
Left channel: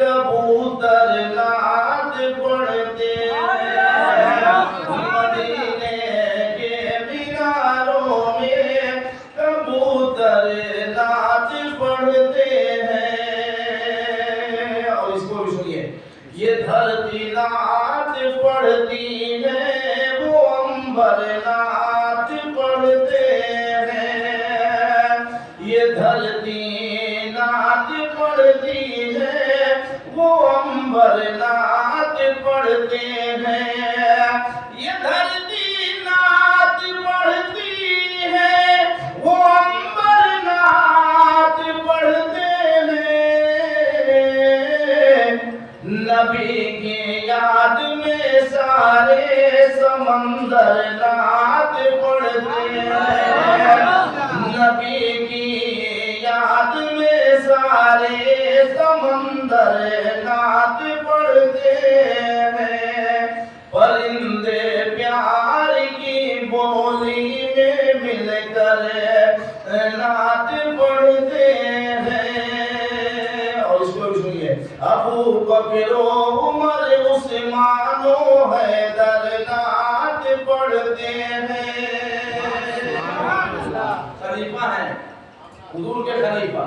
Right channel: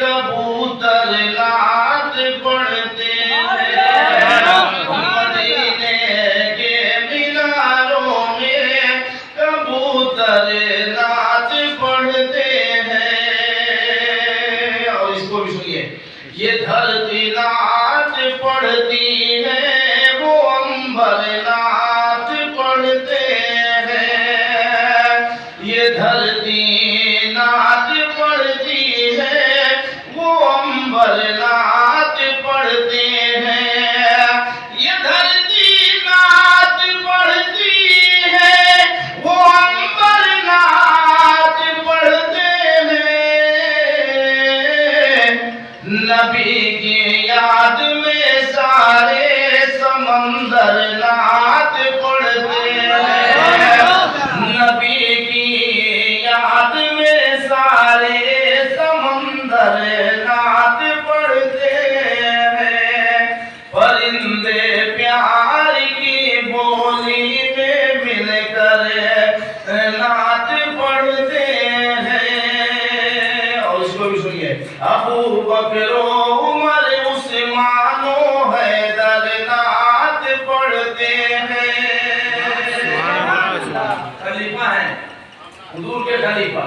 कबूतर नात पढ़ते हैं। मदीने के मीनारों में कबूतर नात पढ़ते हैं। और इसको भी सुनिए। ये धरती नात पढ़ती है, वो अंबर नात पढ़ते हैं। ये धरती नात पढ़ती है, वो अंबर नात पढ़ते हैं। ये धरती नात पढ़ती है, वो अंबर नात पढ़ते हैं। नबी की याद में सारे समंदर नात पढ़ते हैं। नबी की याद में सारे समंदर नात पढ़ते हैं। परिंदे प्यार की बोली में मिलकर नात पढ़ते हैं। और भी सुनिए। अबू बकर उमर उस्मान हैदर नात पढ़ते हैं। खलीफा हैं, हुजूर के खलीफा,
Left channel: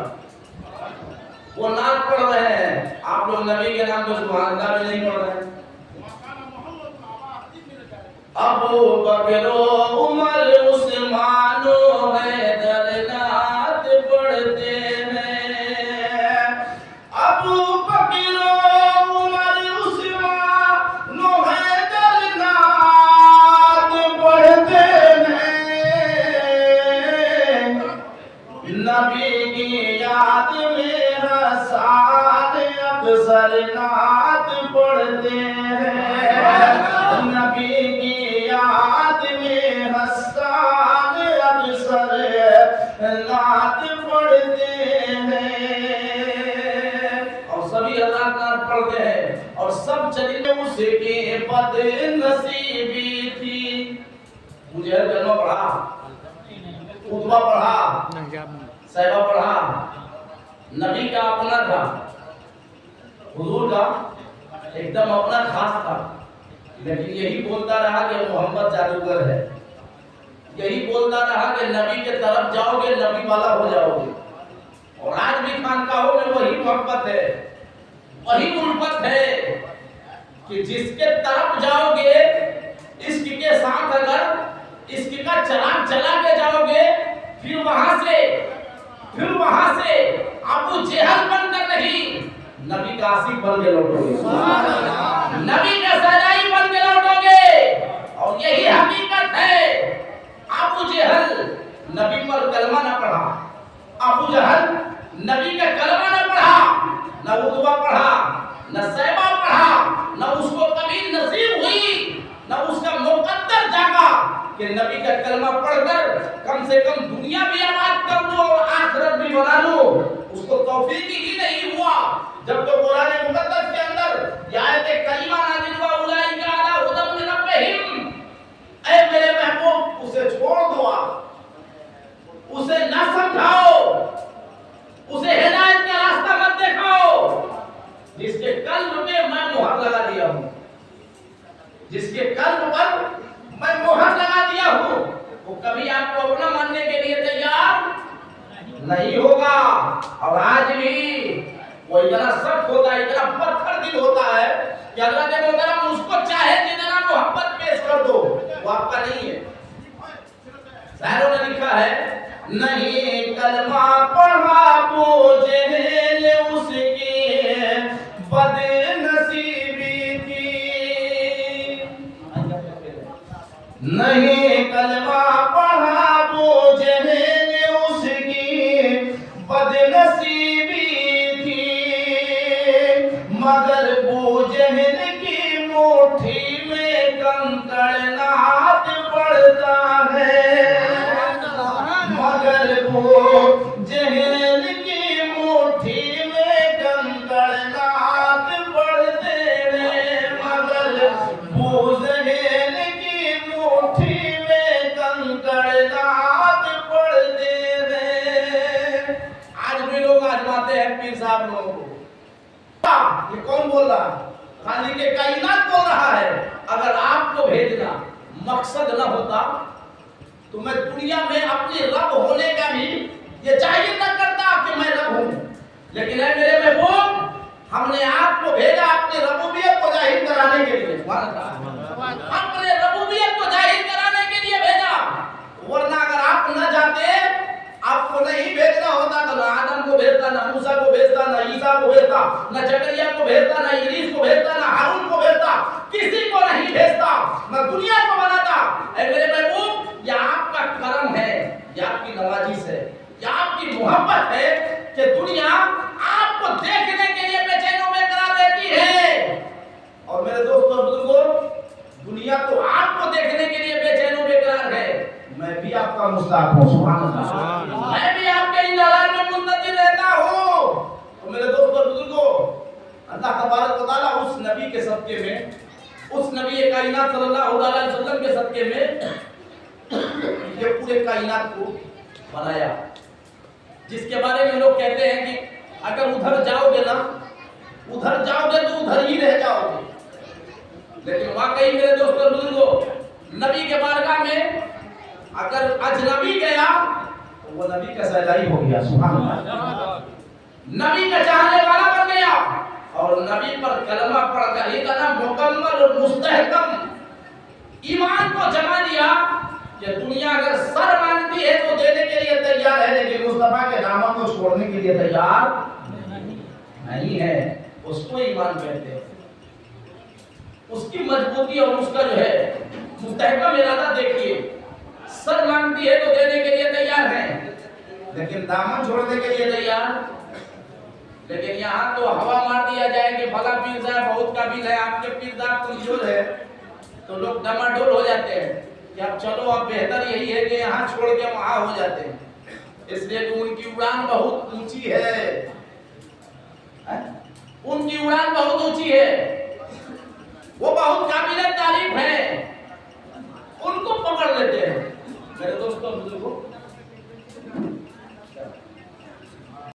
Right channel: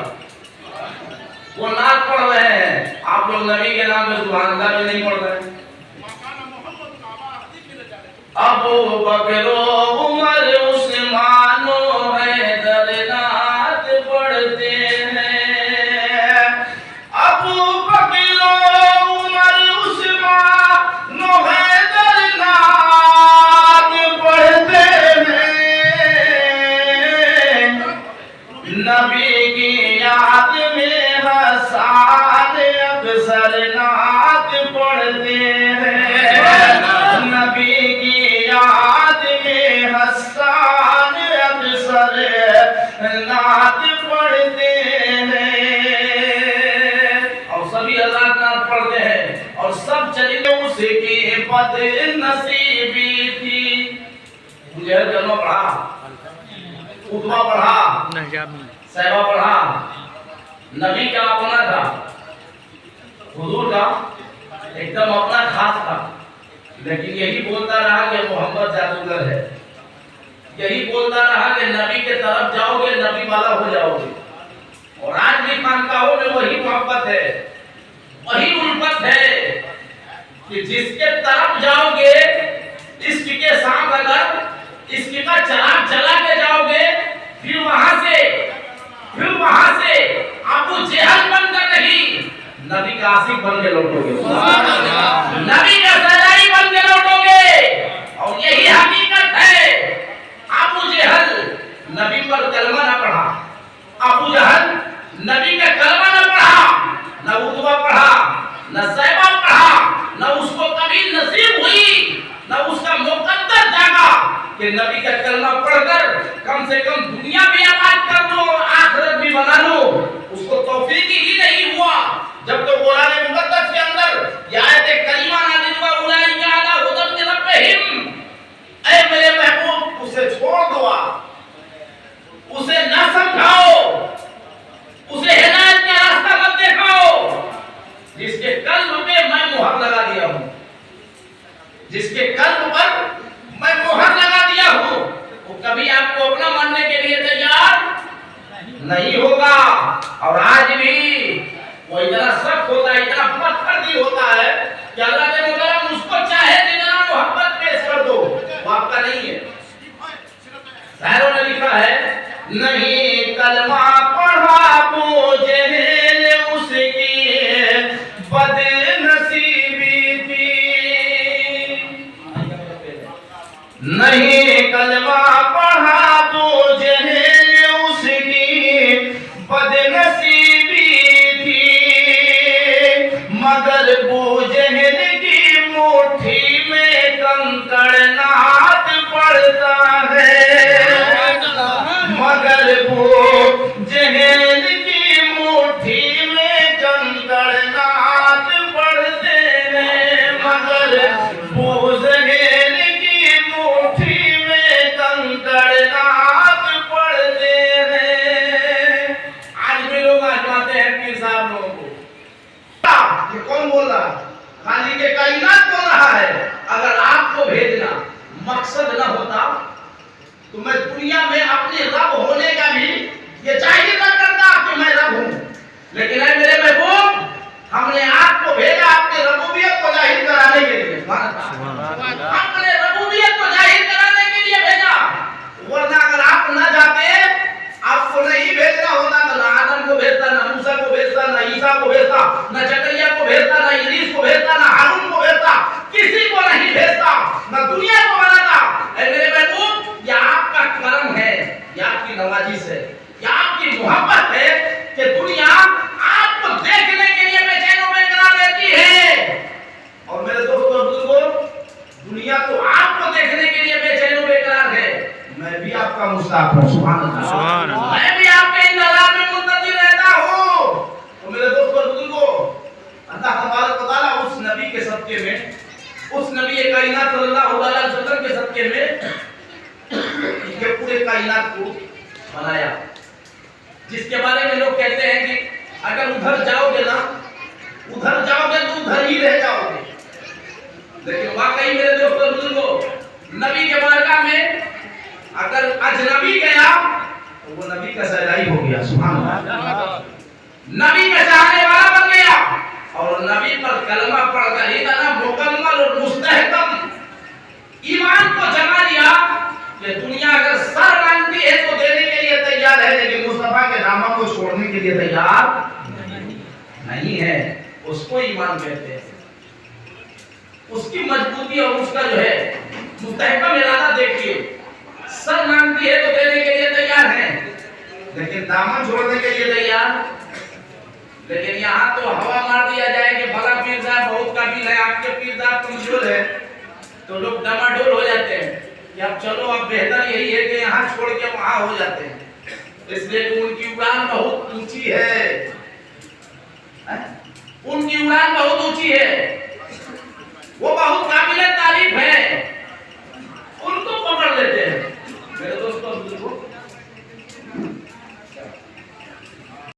वो नात पढ़ रहे हैं। आप लोग नबी के नाम पे सुभान अल्लाह भी नहीं पढ़ रहे हैं। अबू बकर उमर उस्मान हैदर नात पढ़ते हैं। अबू बकर उमर उस्मान हैदर नात पढ़ते हैं। नबी की याद में हसन अक्सर नात पढ़ते हैं। नबी की याद में हसन अक्सर नात पढ़ते हैं। और सभी अल्लाह का नाम पढ़ते हैं और सब चले उसके बद नसीबी थी। मुझे जन्म पढ़ा, उतबा पढ़ा, सहबा पढ़ा, नबी का अपना था, हुजूर का एकदम अपना खास था। लेकिन यही बोलता रहा कि मोहम्मद जादूगर है, यही बोलता रहा कि नबी के तरफ जाओगे नबी वाला हो जाओगे। और आज भी खानकाहों में वही मोहब्बत है, वही उल्फत है कि जिसके तरफ जाओगे, इश्क के साथ अगर इश्क का चराग जला के जाओगे, फिर वहां से अबू जहल बनकर नहीं, नबी का आशिक बन के लौटोगे, नबी का सहारी बन के लौटोगे। और यही हकीकत है। अबू जहल नबी पर कलमा न पढ़ा, अबू जहल नबी का कलमा न पढ़ा, न उतबा पढ़ा, न सहबा पढ़ा, न उसको कभी नसीब हुई, न उसका मुकद्दर जागा कि नबी का कलमा पढ़कर कम से कम दुनिया भी आबाद कर लो, आखिरत भी बना लो। उसको तौफीक ही नहीं हुआ जब तो कुरान मुकद्दस के अंदर ये आयत करीमा नाज़िल हुआ, उलाइका अला हुदन मिन रब्बिहिम। ऐ मेरे महबूब, उसे छोड़ दो, उसे न समझाओ, उसे हिदायत का रास्ता मत दिखाओ। जिसके कल्ब पे मैं मुहर लगा दिया हूं, जिसके कल्ब पर मैं मुहर लगा दिया हूं, वो कभी आपको अपना मानने के लिए तैयार नहीं होगा। और आज भी वो इतना सख्त होता है, इतना पत्थरदिल होता है कि अल्लाह ने बोला उसको चाहे जितना मोहब्बत पेश कर दो, वो आपका नहीं है। शायरों ने लिखा है, नहीं कलमा पढ़ा बोझेल उसकी बदनसीबी थी। नहीं कलमा पढ़ा बोझेल उसकी बदनसीबी थी। मगर बोझेल की मुट्ठी में कंकड़ नात पड़ता है। मगर बोझेल की मुट्ठी में कंकड़ नात पड़ते हैं। मगर बोझेल की मुट्ठी में कंकड़ नात पड़ते हैं। आज भी लोग आजमाते हैं पीर साहब लोगों को। ये कौन बोल रहा? खाली के कायनात बोल रहा है। अगर आपको भेजना मकसद न होता तो मैं दुनिया में अपने रब होने का भी ये चाहिए न करता कि मैं रब हूं। लेकिन ऐ मेरे महबूब, हमने आपको भेजा अपने रबूबियत को जाहिर कराने के लिए। अपने रबूबियत को जाहिर कराने के लिए भेजा। वरना अगर आप न जाते, आपको नहीं भेजना होता तो ना आदम को भेजता, ना मूसा को भेजता, ना ईसा को भेजता, ना जकरिया को भेजता, ना इदरीस को भेजता, ना हारून को भेजता, किसी को नहीं भेजता, ना दुनिया को बनाता। ऐ मेरे महबूब, ये आपका करम है, ये आपकी नवाजिश है, ये आपकी मोहब्बत है कि दुनिया आपको देखने के लिए बेचैन बेकरार रहती है। और मेरे दोस्तों और बुजुर्गों, दुनिया तो आपको देखने के लिए बेचैन बेकरार है। मैं भी आपका मुस्ताक हूं, सुभान अल्लाह। मैं भी आपके इंतजार में मुंतजिर रहता हूं। तो मेरे दोस्तों और बुजुर्गों, अल्लाह तबारक व तआला उस नबी के सदके में, उस नबी कायनात सल्लल्लाहु अलैहि वसल्लम के सदके में ये पूरे कायनात को बनाया, जिसके बारे में लोग कहते हैं कि अगर उधर जाओगे ना नबी के बारगाह में अगर अजनबी गया तो वो नबी का सजाई हो गया, सुभान अल्लाह, नबी का चाहने वाला बन गया और नबी पर कलमा पढ़कर इतना मुकम्मल और मुस्तहकम ईमान को जमा दिया कि दुनिया अगर सर मांगती है तो देने के लिए तैयार है, लेकिन मुस्तफा के दामन को छोड़ने के लिए तैयार नहीं है। उसको ईमान कहते हैं। उसकी मजबूती और उसका जो है मुस्तहकम इरादा देखिए, सर मांगती है तो देने के लिए तैयार है, लेकिन दामन छोड़ने के लिए तैयार। लेकिन यहाँ तो हवा मार दिया जाए कि भला पीर साहब बहुत काबिल है, आपके पीर साहब कमजोर है, तो लोग डमाडोल हो जाते हैं कि अब चलो अब बेहतर यही है कि यहाँ छोड़ के वहाँ हो जाते हैं, इसलिए कि उनकी उड़ान बहुत ऊंची है।